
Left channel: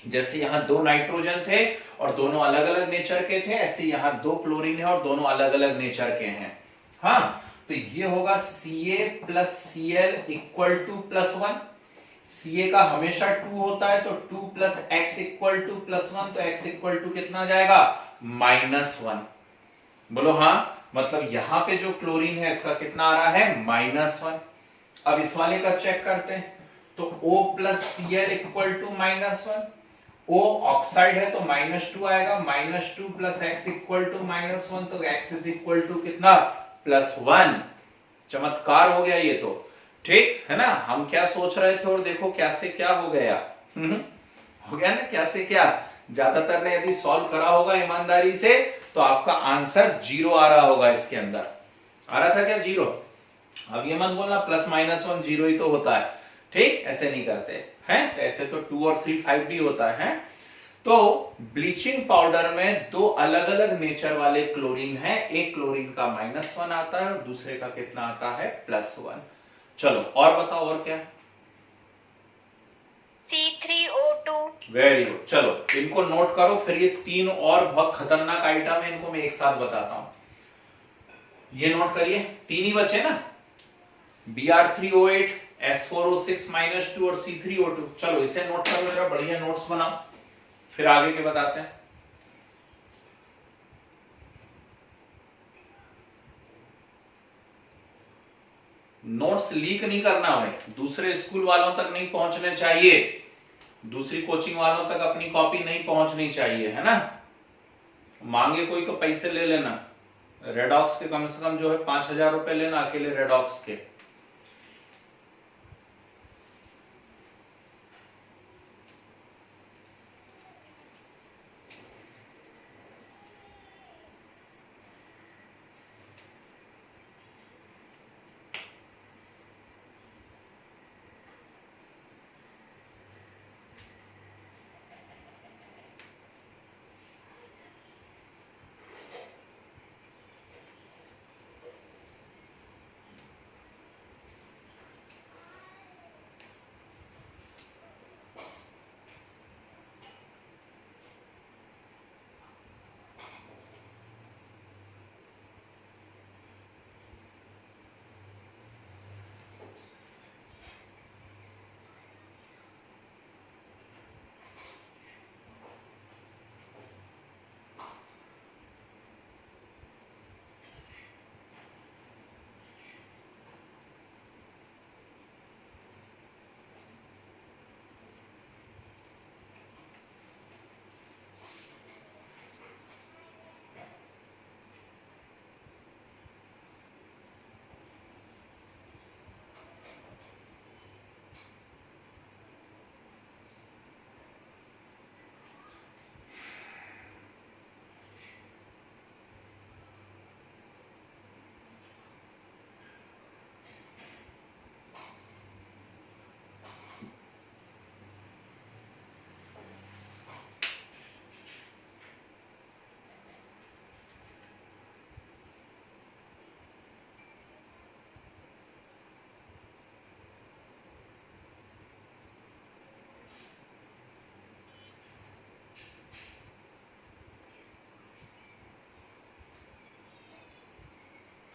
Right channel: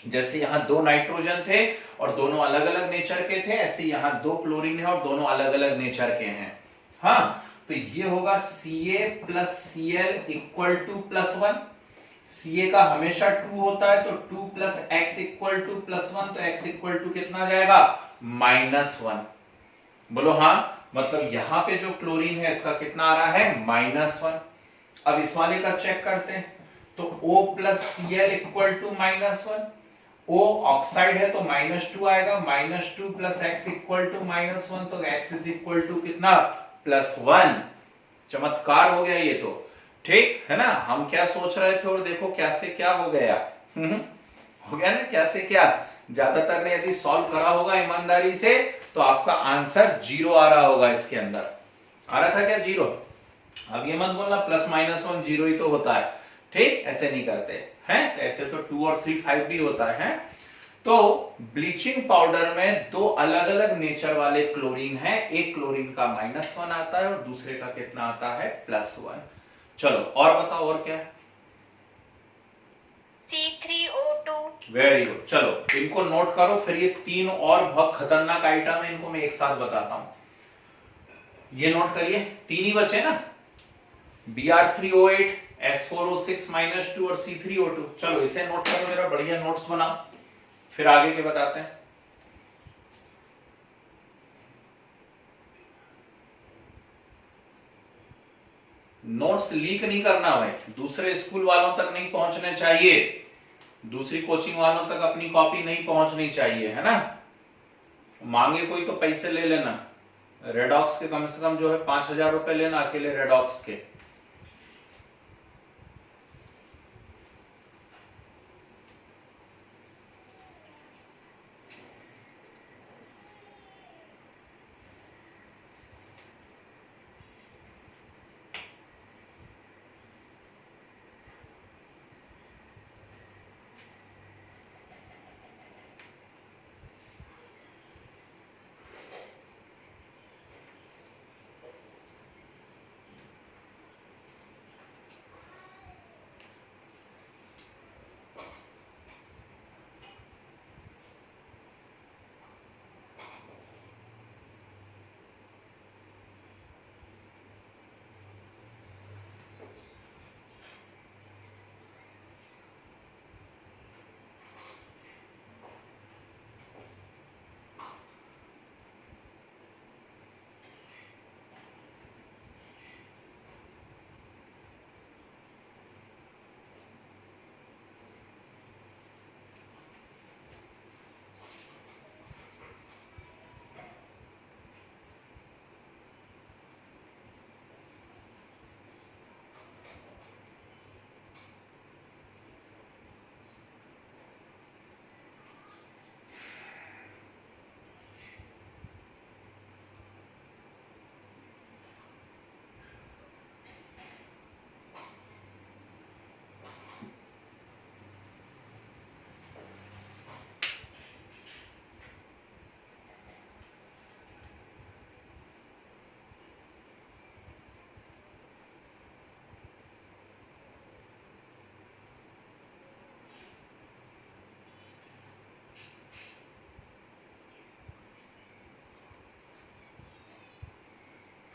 जैसे यहां 2 नाइट्रोजन थे और दोनों अलग अलग नेचर के थे, ऐसे यहां 2 क्लोरीन है और दोनों अलग अलग नेचर के हैं। हाँ। तो ये होगा Ca + Cl = +1। Ca का हमेशा 2 होता है तो 2 + x = +1, तो x = कितना जाएगा? -1। बोलो हाँ। मतलब यहां पे जो क्लोरीन है इसका कितना आ रहा है? -1। अब इस वाले का चेक करते हैं तो O + Cl = -1। O ऑक्साइड है तो -2 आएगा, -2 + x = -1, तो x = कितना? +1। चमत्कार हो गया ये तो। ठीक है ना? हम क्या सोच रहे थे और देखो क्या से क्या हो गया। हो गया ना क्या से क्या। ज्यादातर ने यदि सॉल्व करा होगा ईमानदारी से तो आपका आंसर 0 आ रहा होगा। इसके अंदर आ रहा था क्या 0? अब ये मत बोलना +-1 0 ही तो होता है। ठीक। ऐसे नहीं करते हैं, ऐसे तो 2 और 3 5 भी होता है। तो ब्लीचिंग पाउडर में 2 अलग अलग नेचर वाले क्लोरीन है। एक क्लोरीन का -1 आता है और दूसरे का कितना आता है? +1। चलो और बताओ और क्या? C3O2। Very good. चलो इनको नोट करो, फिर ये 3 और बहुत खतरनाक आइटम है, इनको मैं एक साथ बताता हूं। ये नोट करिए, 3 ही बचे ना, Br3O8, S4O6 -2 और C3O2। चलो इसे नोट करो, मेरा बढ़िया नोट्स बनाओ, फिर आगे के बताते हैं। नोट्स लीक नहीं करना है, दूसरे स्कूल वालों तक नहीं पहुंचने चाहिए, दूसरी कोचिंग वालों तक अपनी कॉपी नहीं पहुंचनी चाहिए, है ना? मांगे कोई तो पैसे ले लेना। रेडॉक्स के कम से कम जो है 5,000 रुपए लेना अकेले रेडॉक्स के।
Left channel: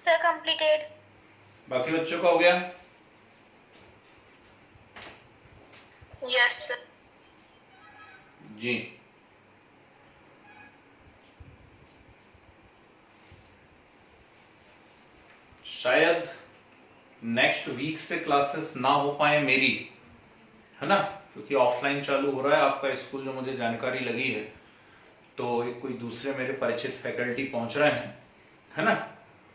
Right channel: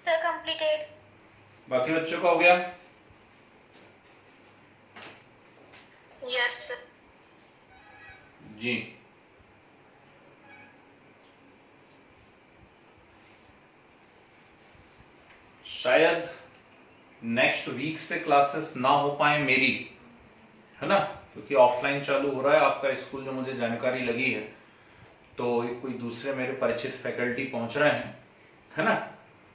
Sir, completed. बाकी बच्चों का हो गया? Yes, sir. जी। शायद नेक्स्ट वीक से क्लासेस ना हो पाए मेरी, है ना, क्योंकि ऑफलाइन चालू हो रहा है आपका स्कूल, जो मुझे जानकारी लगी है। तो कोई दूसरे मेरे परिचित फैकल्टी पहुंच रहे हैं, है ना।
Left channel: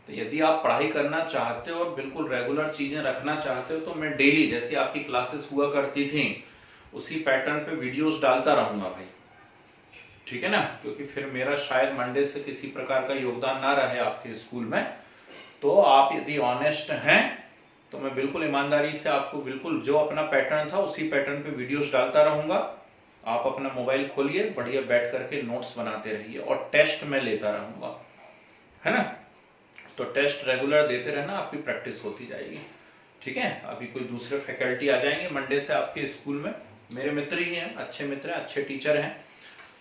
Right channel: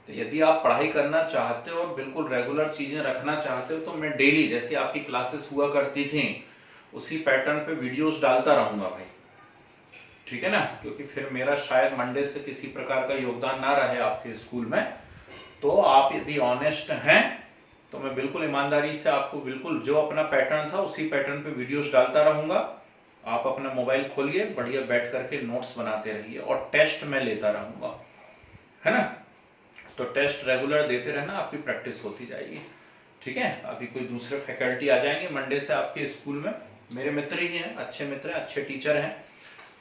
तो यदि आप पढ़ाई करना चाहते हो और बिल्कुल रेगुलर चीजें रखना चाहते हो, तो मैं डेली जैसे आपकी क्लासेस हुआ करती थी उसी पैटर्न पे वीडियोस डालता रहूंगा भाई, ठीक है ना। क्योंकि फिर मेरा शायद मंडे से किसी प्रकार का योगदान ना रहे आपके स्कूल में। तो आप यदि ऑनेस्ट हैं तो मैं बिल्कुल ईमानदारी से आपको बिल्कुल जो अपना पैटर्न था उसी पैटर्न पे वीडियोस डालता रहूंगा। आप अपना मोबाइल खोलिए, बढ़िया बैठ करके नोट्स बनाते रहिए, और टेस्ट में लेता रहूंगा, है ना। तो टेस्ट रेगुलर देते रहना, आपकी प्रैक्टिस होती जाएगी, ठीक है। अभी कोई दूसरे फैकल्टी आ जाएंगे मंडे से आपके स्कूल में, मेरे मित्र ही हैं, अच्छे मित्र हैं, अच्छे टीचर हैं,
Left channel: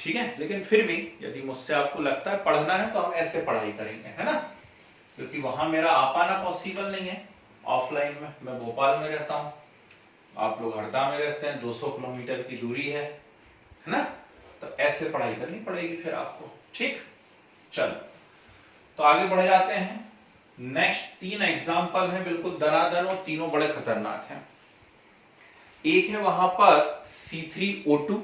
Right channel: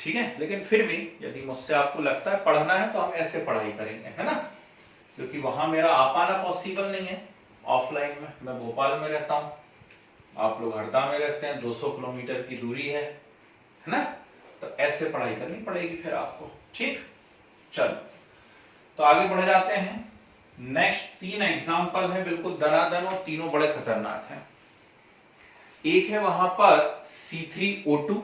ठीक है। लेकिन फिर भी यदि मुझसे आपको लगता है पढ़ना है तो हम ऐसे पढ़ाई करेंगे, है ना। क्योंकि वहां मेरा आ पाना पॉसिबल नहीं है ऑफलाइन में। मैं भोपाल में रहता हूँ, आप लोग हरदा में रहते हैं, 200 किलोमीटर की दूरी है ना। तो ऐसे पढ़ाई करनी पड़ेगी फिर आपको, ठीक। चलो तो आगे बढ़ जाते हैं। नेक्स्ट 3 एग्जाम्पल है बिल्कुल दनादन, और तीनों बड़े खतरनाक हैं। एक है वहां पर C3O2,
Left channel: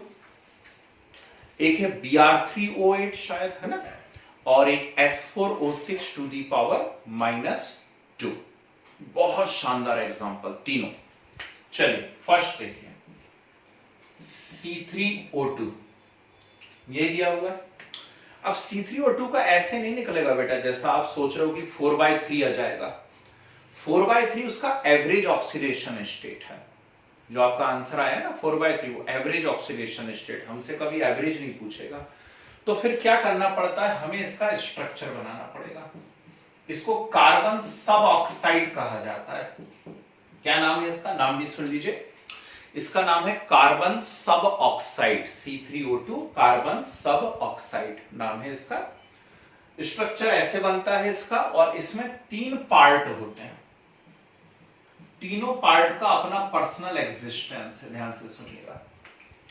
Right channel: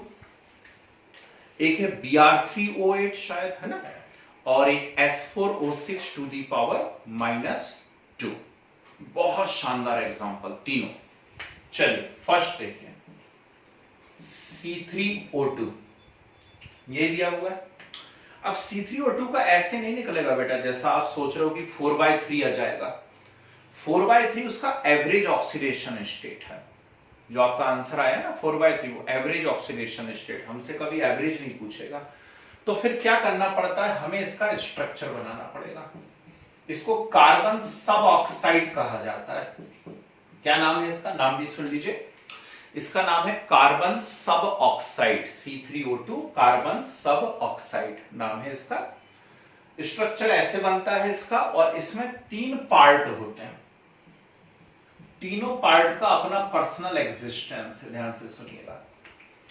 एक है Br3O8 शायद, है ना, और एक S4O6 टू दी पावर -2। बहुत शानदार एग्जाम्पल तीनों। चलिए फर्स्ट देखिए, C3O2 ये दिया हुआ है। अब C3O2 का ऐसे नहीं निकलेगा बेटा जैसा आप सोच रहे हो कि 4/3 आ जाएगा। 4/3 उसका एवरेज ऑक्सीडेशन स्टेट है। जो आपका आंसर आया ना 4/3, वो एवरेज ऑक्सीडेशन स्टेट, हमसे कभी एवरेज नहीं पूछेगा। तो फिर क्या करना पड़ता है, हमें इसका स्ट्रक्चर बनाना पड़ेगा। इसको कार्बन सब ऑक्साइड कहा जाता है। क्या नाम है इसका, नाम भी सुन लीजिए, इसका नाम है कार्बन सब ऑक्साइड। C3O2 कार्बन सब ऑक्साइड नाम है इसका। स्ट्रक्चर ऐसे बनता है इसका, और इसमें 3 पार्ट होते हैं। तीनों पार्ट का अपना पर्सनल एग्जिस्टेंस है, ध्यान से सुनिएगा।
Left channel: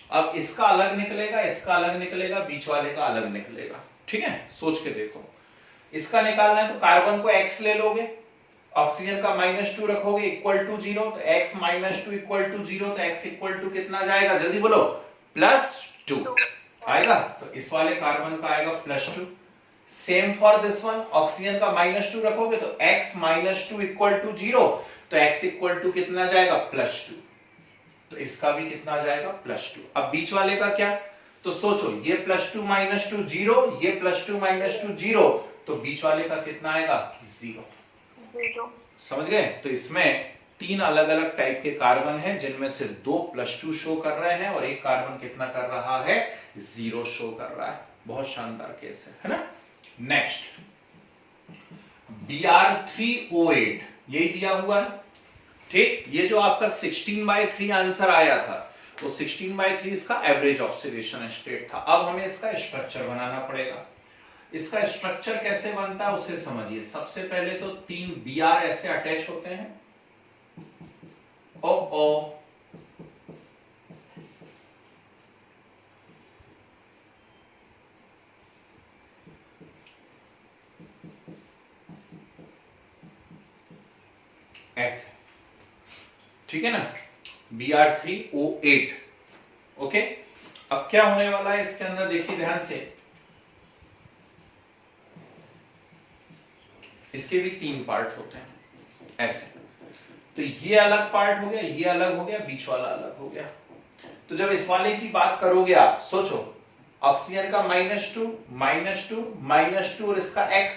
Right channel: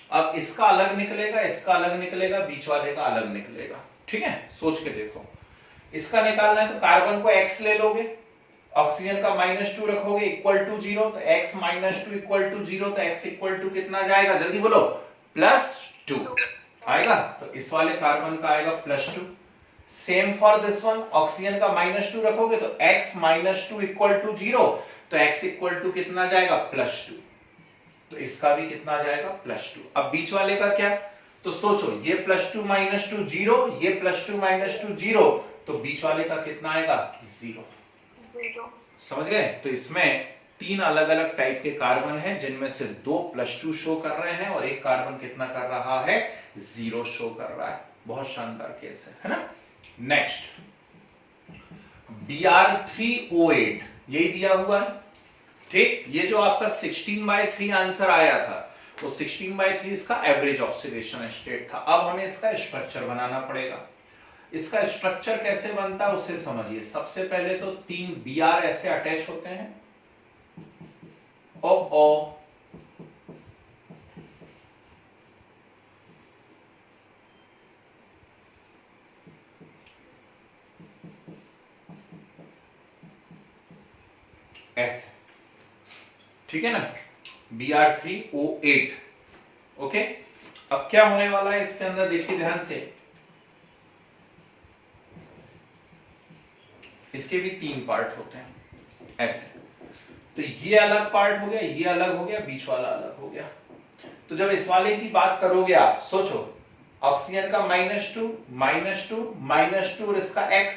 अब इसका अलग निकलेगा, इसका अलग निकलेगा, बीच वाले का अलग निकलेगा, ठीक है। सोच के देखो, इसका निकालना है तो कार्बन को X ले लोगे, ऑक्सीजन का -2 रखोगे इक्वल टू 0, तो X -2 इक्वल टू 0, तो X इक्वल टू कितना जाएगा, जल्दी बोलो, +2 आएगा। तो इस वाले कार्बन का आएगा +2, same for this one, oxygen का -2 रखोगे तो x -2 इक्वल टू 0, तो x इक्वल टू कितना जाएगा +2, तो इसका भी कितना जाएगा +2। अब बीच वाले का क्या, तो सोचो ये +2 -2 0, ये +2 -2 0, तो बीच वाले का कितना आएगा 0। समझ गए। तो इसमें 3 अलग अलग टाइप के कार्बन हैं, जिनमें से 2 +2 शो कर रहे हैं और एक कार्बन कितना कर रहा है 0 शो कर रहा है। बहुत शानदार केस है ना। नेक्स्ट Br3O8 यही दिया हुआ है, ठीक। ये जो आपका 16/3 आंसर आया था, वो 16/3 इसका एवरेज ऑक्सीडेशन स्टेट था। अब हमें इसका स्ट्रक्चर बनाना पड़ेगा। इसका स्ट्रक्चर कैसे बनता है उसे समझिए। सबसे पहले तो 3 Br ऐसे अटैच होते हैं, ओ ऐसे, ठीक है ना, Br3O8। ओके, अब क्या होने वाला है इसके अंदर, देखिए ध्यान से। इसके भी 3 पार्ट होते हैं ऐसे, तो ये अलग पार्ट हो गया, ये अलग हो गया, बीच वाला अलग हो गया। तो जब इस वाले की बात करोगे आप, सोचो ऑक्सीजन का -2 -2 और इसका x,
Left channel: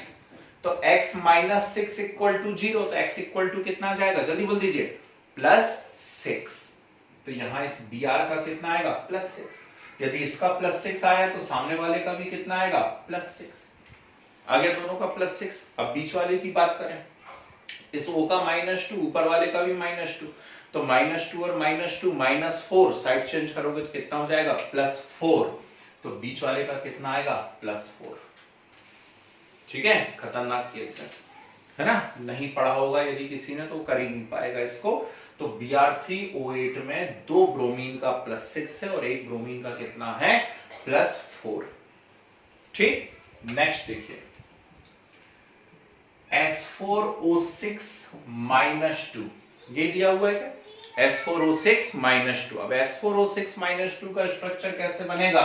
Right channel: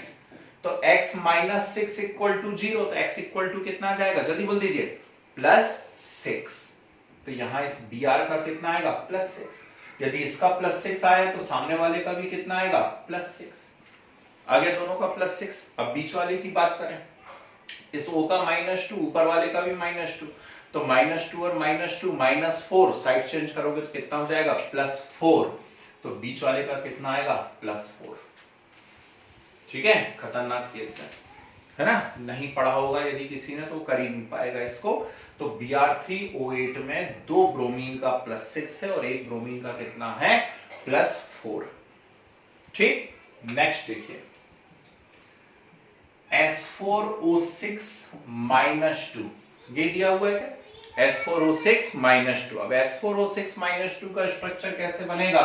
तो x -6 इक्वल टू 0, तो x इक्वल टू कितना आ जाएगा, जल्दी बोल दीजिए, +6। तो यहां इस Br का कितना आएगा +6। यदि इसका +6 आया तो सामने वाले का भी कितना आएगा +6, आगे दोनों का +6। अब बीच वाले की बात करें, इस O का -2, ऊपर वाले का भी -2, तो -2 और -2 -4, साइड चेंज करोगे तो कितना हो जाएगा +4, तो बीच वाले का कितना आएगा +4। ठीक है, खतरनाक केस है ना। नहीं पढ़ा होगा यदि किसी ने तो कर ही नहीं पाएगा इसको। तो Br3O8 में 2 ब्रोमीन का +6 है और 1 ब्रोमीन का कितना है +4। ठीक, नेक्स्ट देखिए S4O6 -2, ये दिया हुआ है क्या, S4O6 -2। अब S4O6 -2 का स्ट्रक्चर कैसे बनेगा,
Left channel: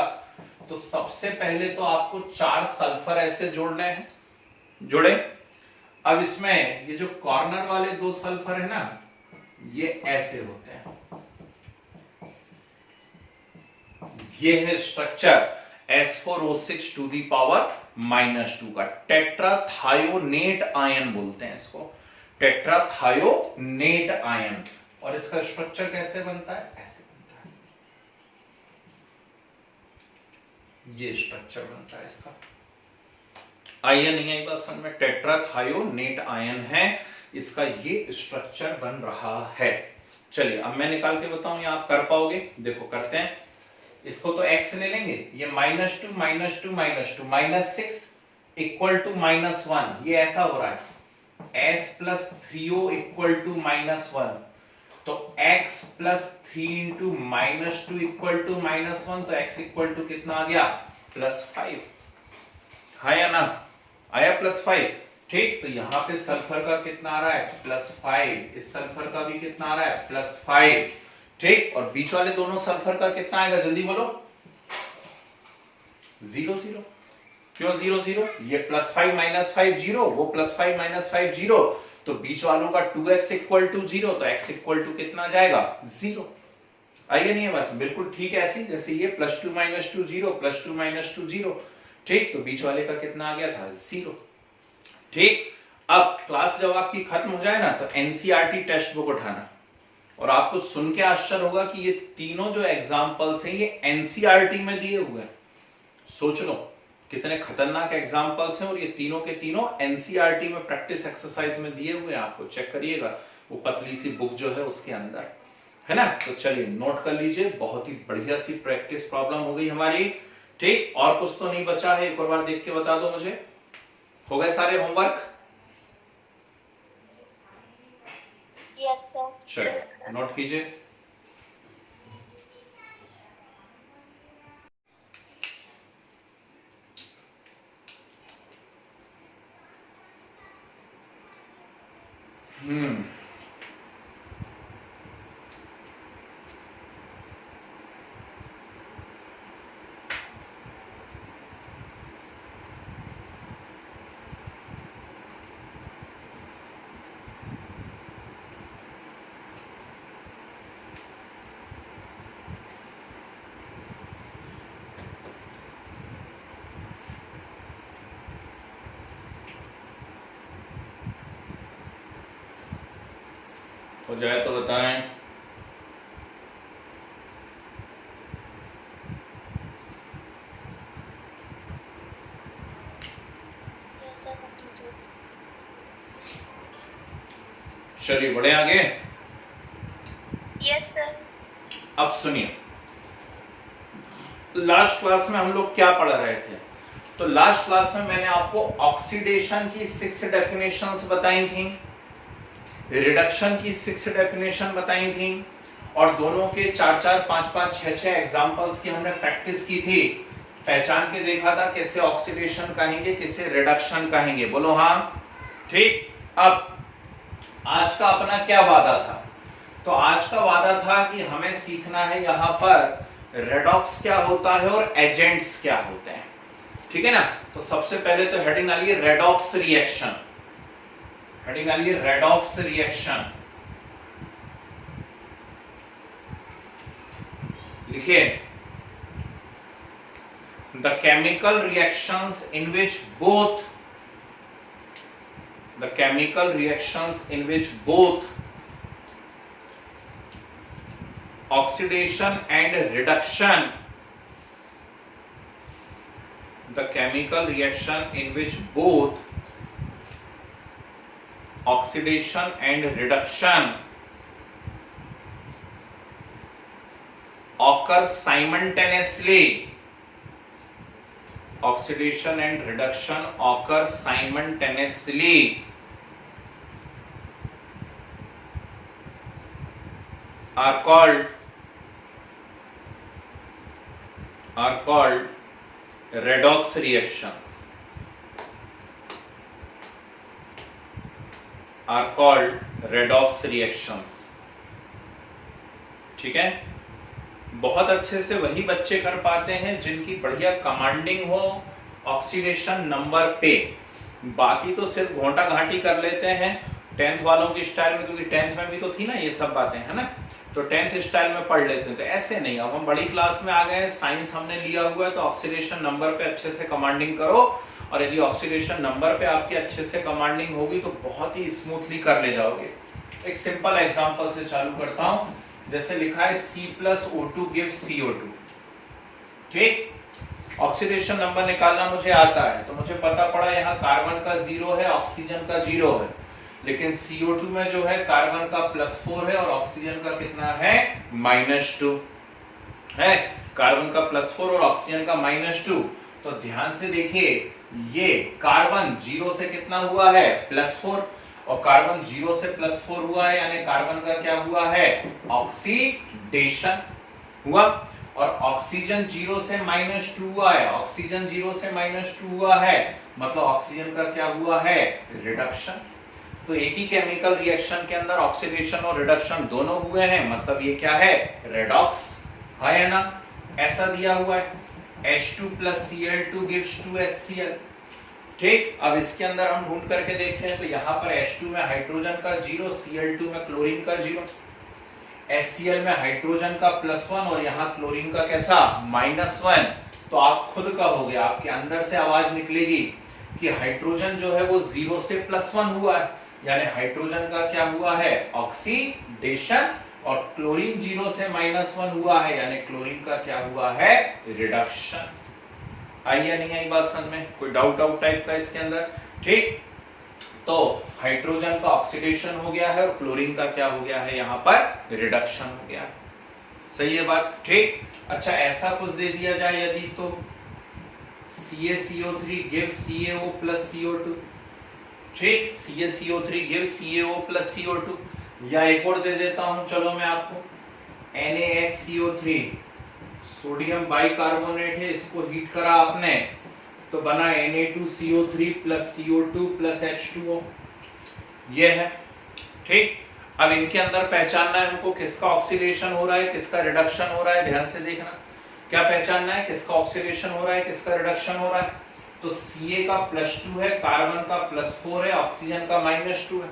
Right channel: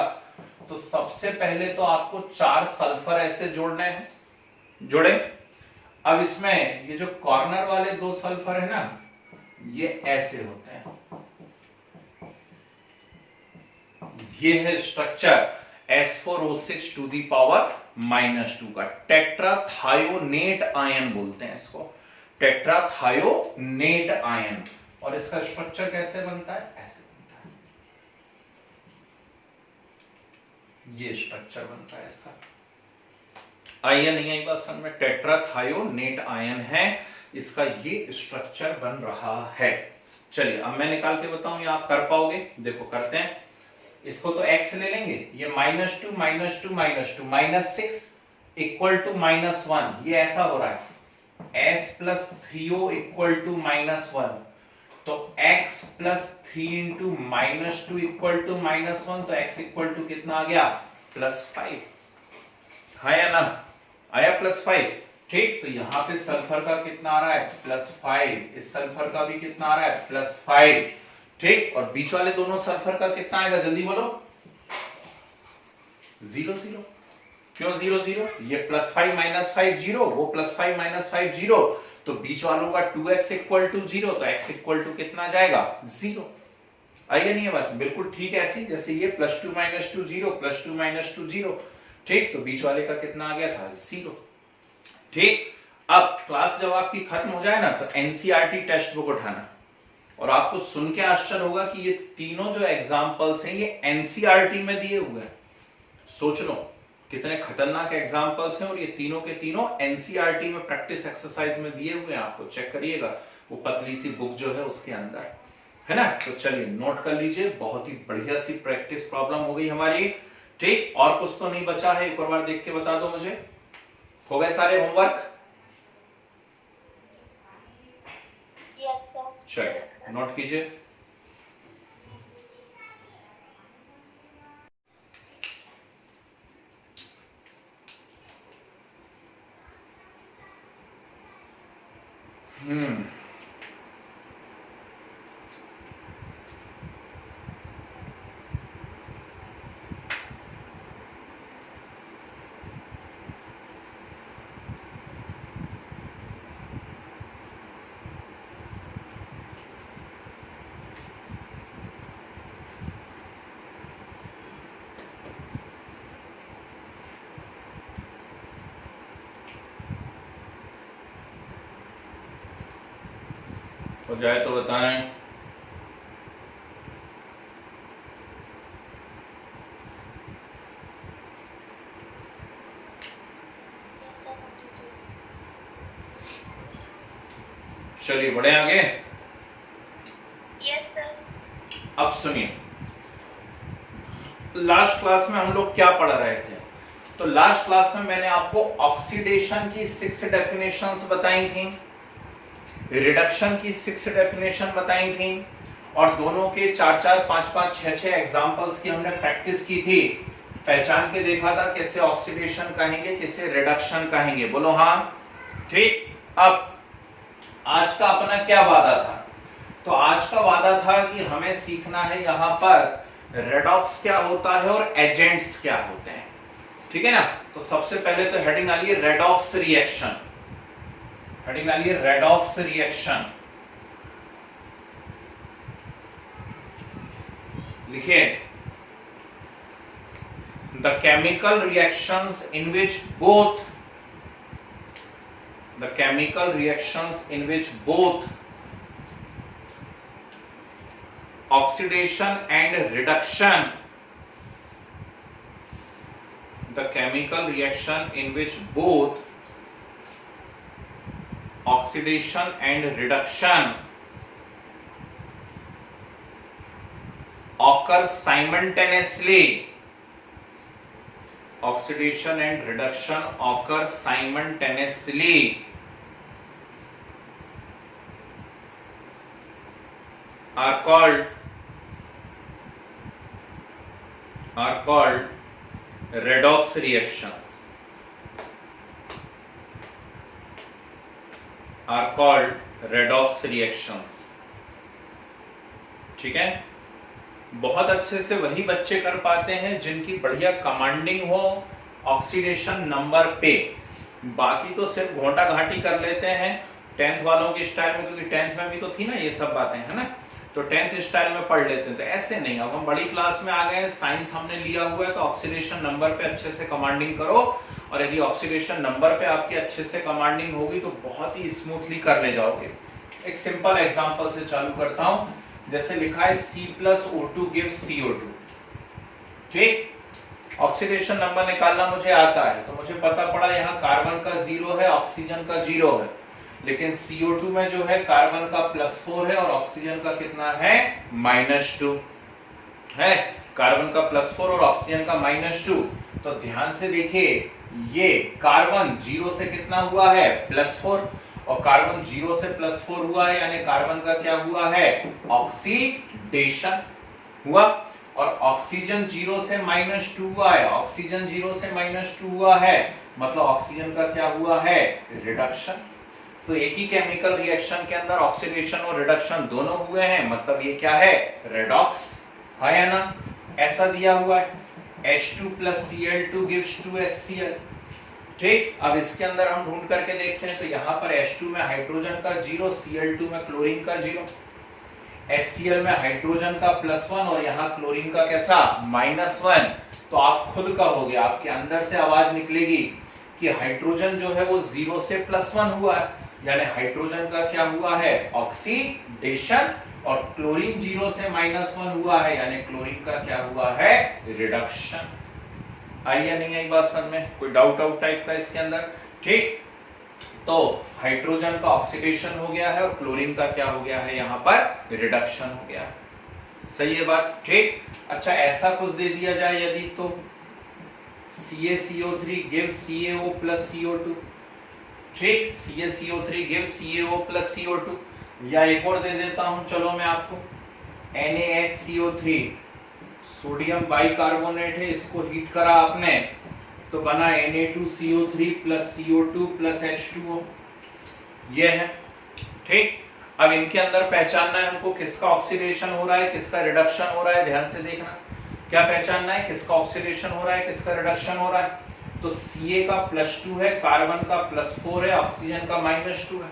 तो सबसे पहले तो आपको 4 सल्फर ऐसे जोड़ने हैं, जोड़े। अब इसमें ये जो कॉर्नर वाले 2 सल्फर है ना, ये ऐसे होते हैं, ये है structure S4O6 to the power -2 का। टेट्राथायोनेट आयन बोलते हैं इसको, टेट्राथायोनेट आयन। और इसका स्ट्रक्चर कैसे बनता है, ऐसे बनता है, ये स्ट्रक्चर बनता है इसका। आयन नहीं आई बात समझ में, टेट्राथायोनेट आयन है इसका, ये स्ट्रक्चर बन रहा है। चलिए अब मैं निकाल के बताऊं, ये आप कर पाओगे, देखो करते हैं। इसको तो x ले लेंगे, ये -2 -2 -2 -6 इक्वल टू -1, ये ऐसा हो रहा है s + 3o इक्वल टू -1, तो x + 3 × -2 इक्वल टू -1, तो x इक्वल टू कितना आ गया +5, है या ना, आया +5। ठीक, तो यहां पे सल्फर का कितना आ रहा है +5, इस सल्फर का भी कितना आ रहा है +5। ठीक, और बीच वाले दोनों सल्फर का कितना आएगा, जल्दी बोलो, 0 0। क्यों 0 0, ये +5 -5 0, वो +5 -5 0, तो बीच वालों का 2x इक्वल टू 0, तो x इक्वल टू कितना जाएगा 0। आइए नहीं है बस बिल्कुल ठीक ऐसी जैसे ये +2 -2 0 +2 -2 0। ठीक, तो बीच वाले का कितना आ गया था 0। ठीक, अब क्लास जब आपकी खत्म हो जाए ना, तो एनसीईआरटी टेक्स्ट बुक उठाना, और आपको सुन के आश्चर्य होगा कि ये तीनों जो एग्जाम्पल्स हैं ये एनसीईआरटी में दिए हुए हैं। सोच लो कितने खतरनाक एग्जाम्पल्स हैं, और ये तीनों के तीनों एनसीईआरटी में प्रैक्टिस एक्सरसाइज में दिए हुए हैं, आपको चेक करिएगा वो पतली सी बुक जो है उसके अंदर, है ना। तो चलिए नोट कर लीजिए, बहुत ही बढ़िया सी प्रैक्टिस प्रॉब्लम हो गई हमारी। ठीक, और कुछ तो नहीं बचा है, एक और बार देख के बता दो मुझे, हो गए सारे होमवर्क? चलिए नोट कीजिए। हो जाए तो बताएं। Yes, sir, completed. चलिए बढ़े आगे। Yes, sir. अब सुनिए, लास्ट क्लास में हम लोग क्या पढ़ रहे थे? तो लास्ट क्लास में मैंने आपको ऑक्सीडेशन की 6 डेफिनेशंस बताई थी, रिडक्शन की 6 डेफिनेशन बताई थी, और दोनों के 4-4, 5-5, 6-6 एग्जांपल्स की हमने प्रैक्टिस की थी। पहचान के देखा था कैसे ऑक्सीडेशन कहेंगे, कैसे रिडक्शन कहेंगे, बोलो हाँ। ठीक, अब आज का अपना क्या वादा था? तो आज का वादा था कि हमें सीखना है यहां पर रेडॉक्स क्या होता है और एजेंट्स क्या होते हैं। ठीक है ना? तो सबसे पहले तो हेडिंग आ रही है रेडॉक्स रिएक्शन। हेडिंग आ रही है रेडॉक्स रिएक्शन। लिखिए, the chemical reactions in which both oxidation and reduction, the chemical reaction in which both oxidation and reduction occur simultaneously, oxidation and reduction occur simultaneously, are called redox reactions, are called redox reactions। ठीक है? बहुत अच्छे से वही बच्चे कर पाते हैं जिनकी बढ़िया कमांडिंग हो ऑक्सीडेशन नंबर पे। बाकी तो सिर्फ घोंटा घाटी कर लेते हैं 10th वालों की स्टाइल में, क्योंकि 10th में भी तो थी ना ये सब बातें, है ना? तो 10th स्टाइल में पढ़ लेते हैं। तो ऐसे नहीं, अब हम बड़ी क्लास में आ गए, साइंस हमने लिया हुआ है, तो ऑक्सीडेशन नंबर पे अच्छे से कमांडिंग करो, और यदि ऑक्सीडेशन नंबर पे आपकी अच्छे से कमांडिंग होगी तो बहुत ही स्मूथली कर ले जाओगे। एक सिंपल एग्जांपल से चालू करता हूं। जैसे लिखा है C+O2 gives CO2। ठीक, ऑक्सीडेशन नंबर निकालना मुझे आता है, तो मुझे पता पड़ा यहाँ कार्बन का 0 है, ऑक्सीजन का 0 है, लेकिन CO2 में जो है कार्बन का +4 है और ऑक्सीजन का कितना है? -2 है। कार्बन का +4 और ऑक्सीजन का -2। तो ध्यान से देखिए, ये कार्बन 0 से कितना हुआ है? +4, और कार्बन 0 से +4 हुआ है, यानी कार्बन का क्या हुआ है? ऑक्सीडेशन हुआ। और ऑक्सीजन 0 से -2 हुआ है, ऑक्सीजन 0 से -2 हुआ है, मतलब ऑक्सीजन का क्या हुआ है? रिडक्शन। तो एक ही केमिकल रिएक्शन के अंदर ऑक्सीडेशन और रिडक्शन दोनों हुए हैं, मतलब ये क्या है? रेडॉक्स है या ना? ऐसा दिया हुआ है H2 + Cl2 gives 2HCl। ठीक, अब इसके अंदर हम ढूंढ करके देखते हैं, तो यहाँ पर H2 में हाइड्रोजन का 0, Cl2 में क्लोरीन का 0, HCl में हाइड्रोजन का +1 और यहाँ क्लोरीन का कैसा? -1। तो आप खुद कहोगे, आपके अंदर से आवाज निकलेगी कि हाइड्रोजन जो है वो 0 से +1 हुआ है, यानी हाइड्रोजन का क्या हुआ है? ऑक्सीडेशन। और क्लोरीन 0 से -1 हुआ है, यानी क्लोरीन का क्या हुआ है? रिडक्शन। आई या नहीं आई बात समझ में? कोई डाउट टाइप का इसके अंदर? ठीक, तो हाइड्रोजन का ऑक्सीडेशन हो गया है और क्लोरीन का क्या हो गया है? यहाँ पर रिडक्शन हो गया है। सही है बात? ठीक, अच्छा ऐसा कुछ दे दिया जाए यदि, तो CaCO3 gives CaO + CO2। ठीक, CaCO3 gives CaO + CO2। या एक और दे देता हूं, चलो मैं आपको, NaHCO3 सोडियम बाइकार्बोनेट है, इसको हीट करा आपने तो बना Na2CO3 + CO2 + H2O। ये है। ठीक, अब इनके अंदर पहचानना है हमको किसका ऑक्सीडेशन हो रहा है, किसका रिडक्शन हो रहा है। ध्यान से देखना, क्या पहचानना है? किसका ऑक्सीडेशन हो रहा है, किसका रिडक्शन हो रहा है। तो Ca का +2 है, कार्बन का +4 है, ऑक्सीजन का -2 है।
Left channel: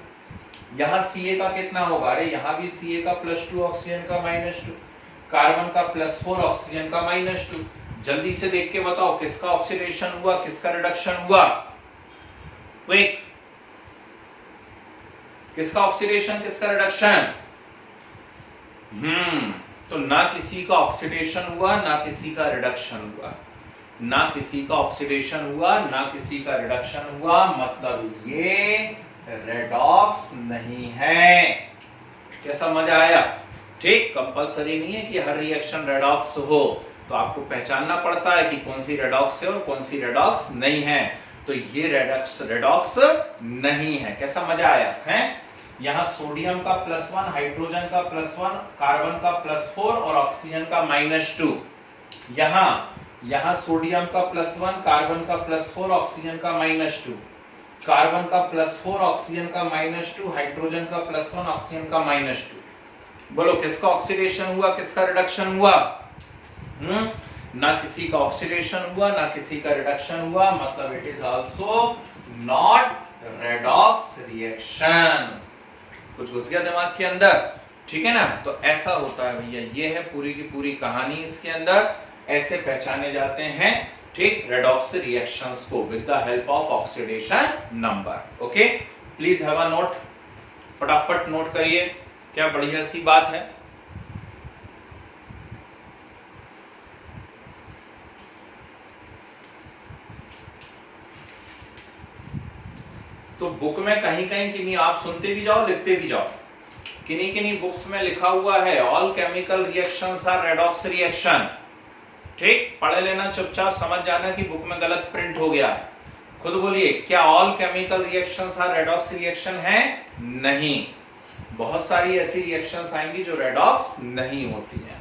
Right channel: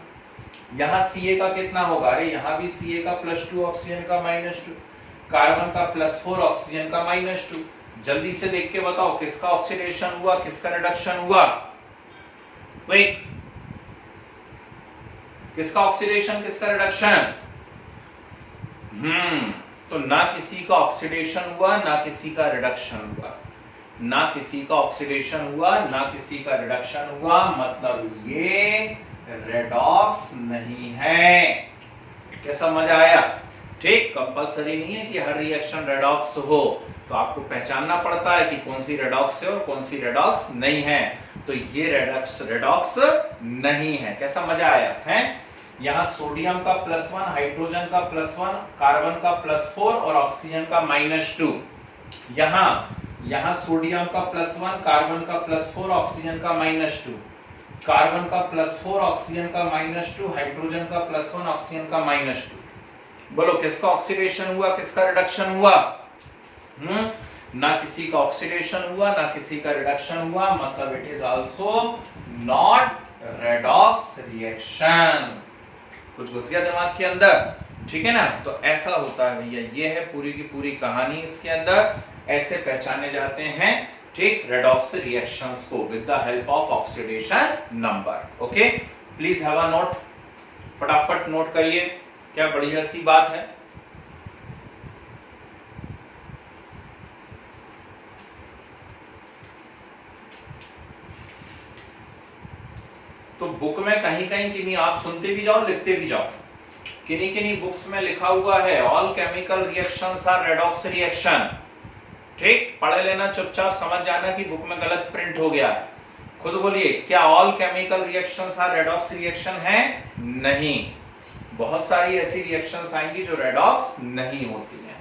यहाँ Ca का कितना होगा? अरे यहाँ भी Ca का +2, ऑक्सीजन का -2, कार्बन का +4, ऑक्सीजन का -2। जल्दी से देख के बताओ किसका ऑक्सीडेशन हुआ, किसका रिडक्शन हुआ? क्विक, किसका ऑक्सीडेशन, किसका रिडक्शन? तो ना किसी का ऑक्सीडेशन हुआ ना किसी का रिडक्शन हुआ, ना किसी का ऑक्सीडेशन हुआ ना किसी का रिडक्शन हुआ, मतलब ये रेडॉक्स नहीं है। क्या समझ आया? ठीक, कंपलसरी नहीं है कि हर रिएक्शन रेडॉक्स हो, तो आपको पहचानना पड़ता है कि कौन सी रेडॉक्स है और कौन सी रेडॉक्स नहीं है। तो ये रेडॉक्स नहीं है। कैसा मजा आया है? यहाँ सोडियम का +1, हाइड्रोजन का +1, कार्बन का +4 और ऑक्सीजन का -2। यहाँ सोडियम का +1, कार्बन का +4, ऑक्सीजन का -2, कार्बन का +4, ऑक्सीजन का -2, हाइड्रोजन का +1, ऑक्सीजन का -2। बोलो किसका ऑक्सीडेशन हुआ किसका रिडक्शन हुआ? ना किसी का ऑक्सीडेशन हुआ ना किसी का रिडक्शन हुआ, मतलब it is also not redox reaction. कुछ घुस गया दिमाग के अंदर? ठीक है ना? तो ऐसा होता है भैया, ये है पूरी की पूरी कहानी इसके अंदर। ऐसे पहचाने जाते हैं ठीक रेडॉक्स रिएक्शंस को with the help of oxidation number. Okay, please have a note, फटाफट नोट करिए, क्या बढ़िया सी बात है। तो बुक में कहीं कहीं किन्हीं आप सुनते भी जाओ लिखते भी जाओ, किन्हीं किन्हीं बुक्स में लिखा हुआ है all chemical reactions are redox reaction. ठीक, पढ़ लेना चुपचाप, समझ जाना कि बुक में गलत प्रिंट हो गया है। खुद बोलिए, क्या all chemical reactions are redox reaction है? नहीं, बहुत सारी ऐसी रिएक्शंस आएंगी जो रेडॉक्स नहीं होती हैं।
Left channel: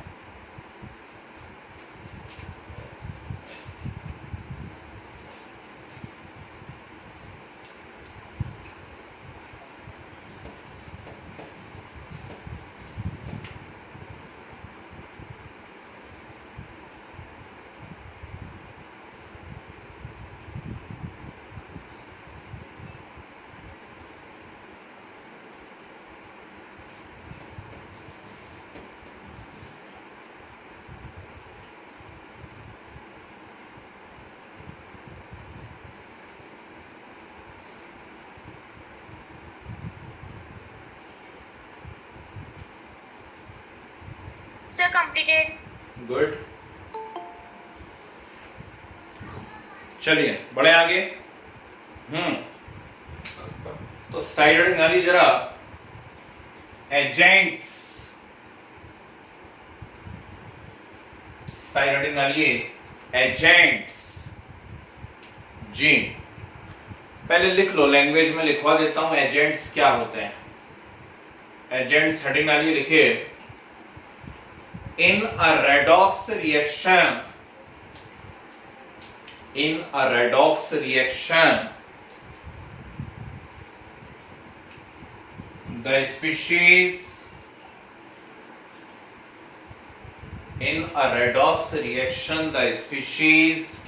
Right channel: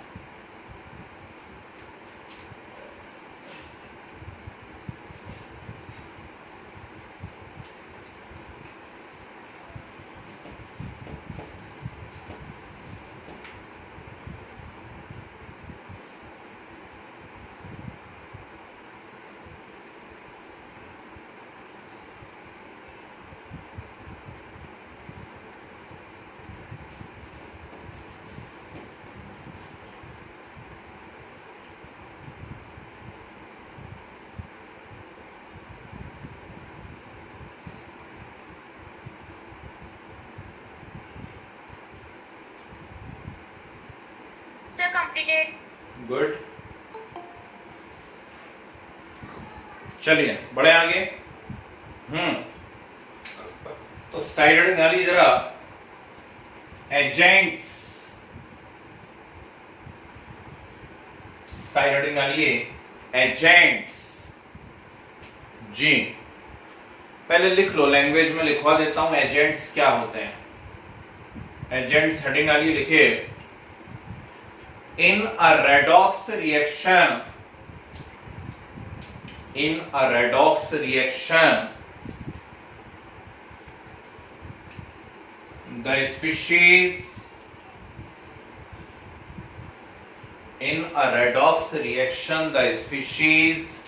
Sir, completed. गुड, चलिए बढ़े आगे। तो साइड गाली जरा एजेंट्स, साइड गालिए एजेंट्स जी। पहले लिख लो, लैंग्वेज में लिखवा देता हूं एजेंट्स क्या होते हैं। एजेंट्स हेडिंग आलिए लिखिए, in a redox reaction, in a redox reaction the species, in a redox reaction the species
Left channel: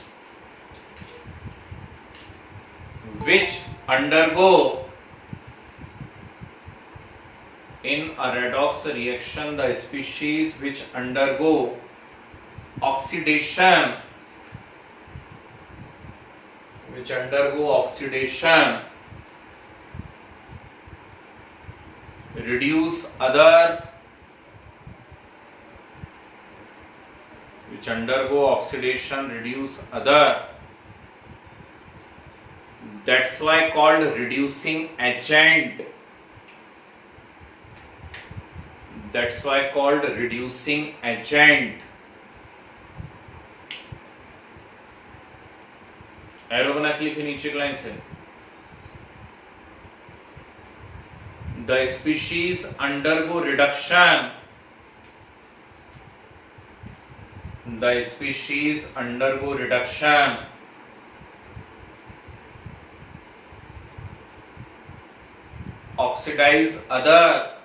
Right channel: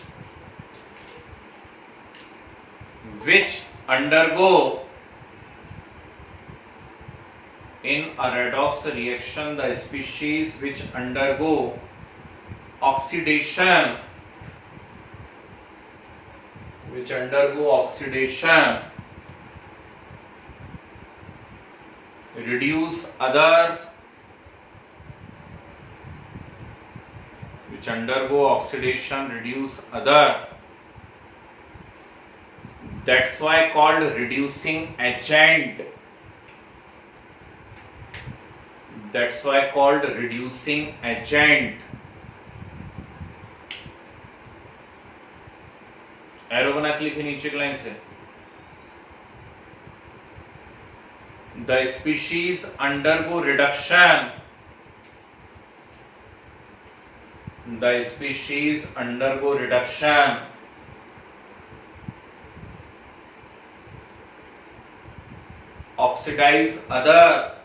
which undergo, in a redox reaction the species which undergo oxidation, which undergo oxidation reduce other, which undergo oxidation reduce other, that's why called reducing agent, that's why called reducing agent। Arrow बना के लिखे नीचे की लाइन से, the species undergo reduction, the species undergo reduction oxidize other,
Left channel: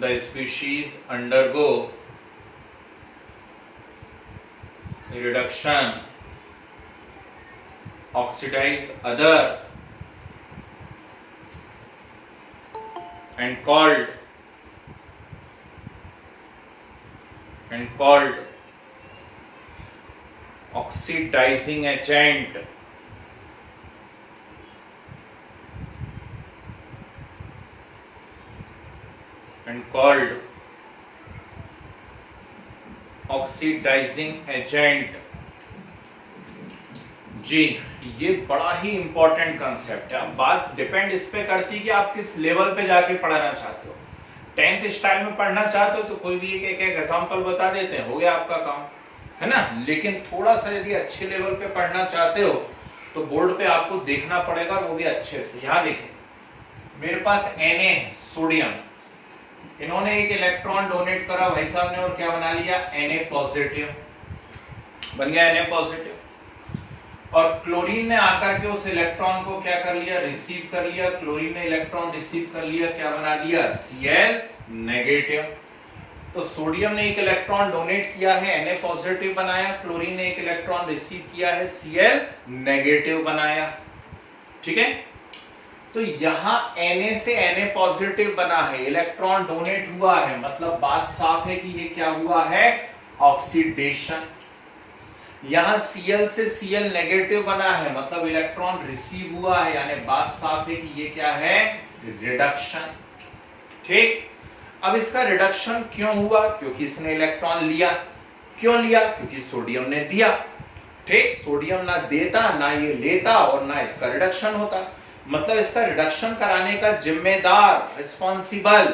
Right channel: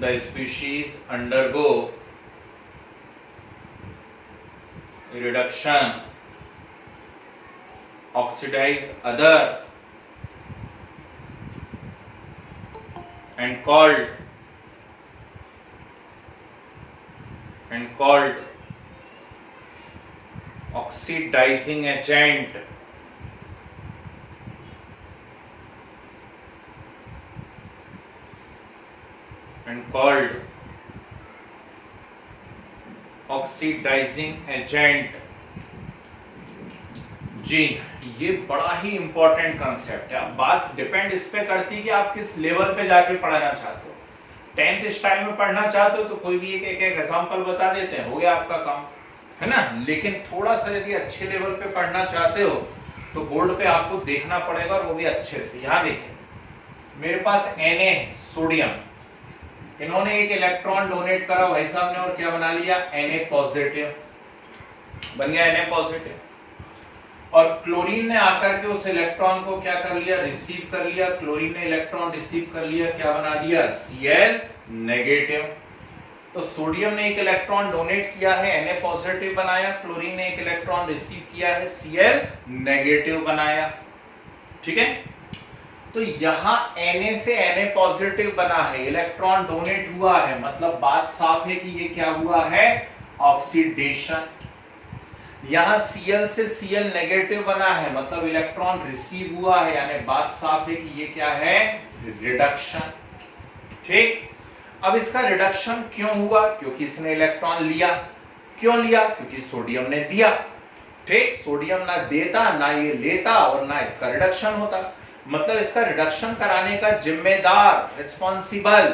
the species undergo reduction oxidize other and called oxidizing agent, and called oxidizing agent। जी, ये बड़ा ही इंपॉर्टेंट कंसेप्ट है। अब बात डिपेंड इस पे करती है कि आप किस लेवल पे जाके पढ़ना चाहते हो। 10th स्टाइल में पढ़ना चाहते हो तो कोई भी एक एग्जांपल बता देते हैं, हो गया आपका काम, है ना। लेकिन थोड़ा सा यदि अच्छे लेवल पे पढ़ना चाहते हो तो बोर्ड पे आपको देखना पड़ेगा, वो भी अच्छे से। यहाँ देखिए, मेरे पास Na सोडियम, इन्होंने एक इलेक्ट्रॉन डोनेट करा भाई साहब ने, और क्या बना लिया, Na पॉजिटिव बन गया, Na पॉजिटिव। और क्लोरीन ने आकर के उस इलेक्ट्रॉन को क्या कर लिया, रिसीव कर लिया। क्लोरीन ने इलेक्ट्रॉन रिसीव कर लिया, क्या बना दिया, Cl नेगेटिव। तो सोडियम ने एक इलेक्ट्रॉन डोनेट किया है, Na पॉजिटिव बनाया। क्लोरीन ने एक इलेक्ट्रॉन रिसीव किया है, Cl नेगेटिव बनाया। ठीक है, तो यहां Na से Na पॉजिटिव बना है, इलेक्ट्रॉन डोनेट हुआ है, मतलब बात साफ है कि ये क्या हुआ है, ऑक्सीडेशन। यहां Cl से Cl नेगेटिव बना है, मतलब इलेक्ट्रॉन रिसीव हुआ है, यानी बात साफ है कि ये क्या है, रिडक्शन। ठीक, अब इसका रिडक्शन क्यों हुआ, क्योंकि इसने इलेक्ट्रॉन लिया। क्यों लिया, क्योंकि सोडियम ने दिया। ठीक, सोडियम ना देता, ना ये लेता, और ना इसका रिडक्शन होता। मतलब इसका रिडक्शन कराने का जिम्मेदार, रिस्पॉन्सिबल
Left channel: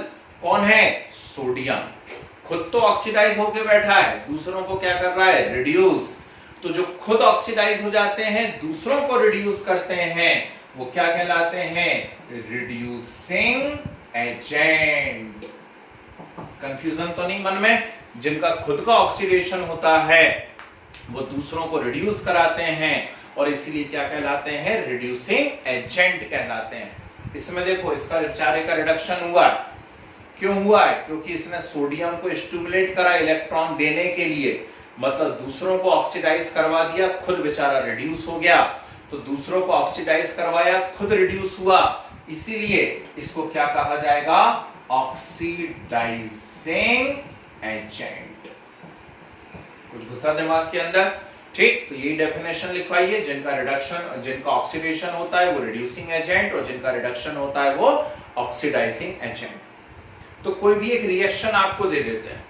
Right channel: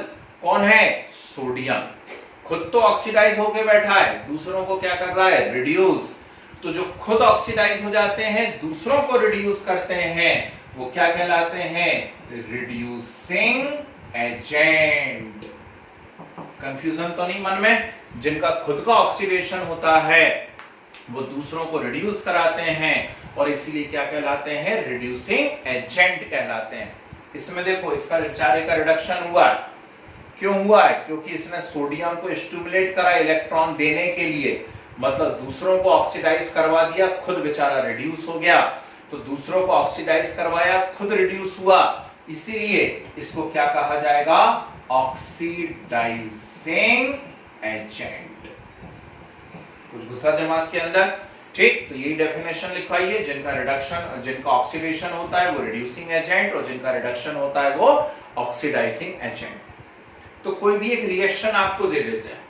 कौन है, सोडियम। खुद तो ऑक्सीडाइज होके बैठा है, दूसरों को क्या कर रहा है, रिड्यूस। तो जो खुद ऑक्सीडाइज हो जाते हैं, दूसरों को रिड्यूस करते हैं, वो क्या कहलाते हैं, रिड्यूसिंग एजेंट। कंफ्यूजन तो नहीं मन में। जिनका खुद का ऑक्सीडेशन होता है वो दूसरों को रिड्यूस कराते हैं, और इसीलिए क्या कहलाते हैं, रिड्यूसिंग एजेंट कहलाते हैं। इसमें देखो, इसका बेचारे का रिडक्शन हुआ, क्यों हुआ है, क्योंकि इसने सोडियम को स्टिमुलेट करा इलेक्ट्रॉन देने के लिए, मतलब दूसरों को ऑक्सीडाइज करवा दिया, खुद बेचारा रिड्यूस हो गया। तो दूसरों को ऑक्सीडाइज करवाया, खुद रिड्यूस हुआ, इसीलिए इसको क्या कहा जाएगा, ऑक्सीडाइजिंग एजेंट। कुछ घुसा दिमाग के अंदर। ठीक, तो यही डेफिनेशन लिखवाइए, जिनका रिडक्शन, जिनका ऑक्सीडेशन होता है वो रिड्यूसिंग एजेंट, और जिनका रिडक्शन होता है वो ऑक्सीडाइजिंग एजेंट। तो कोई भी एक रिएक्शन आपको दे देते हैं,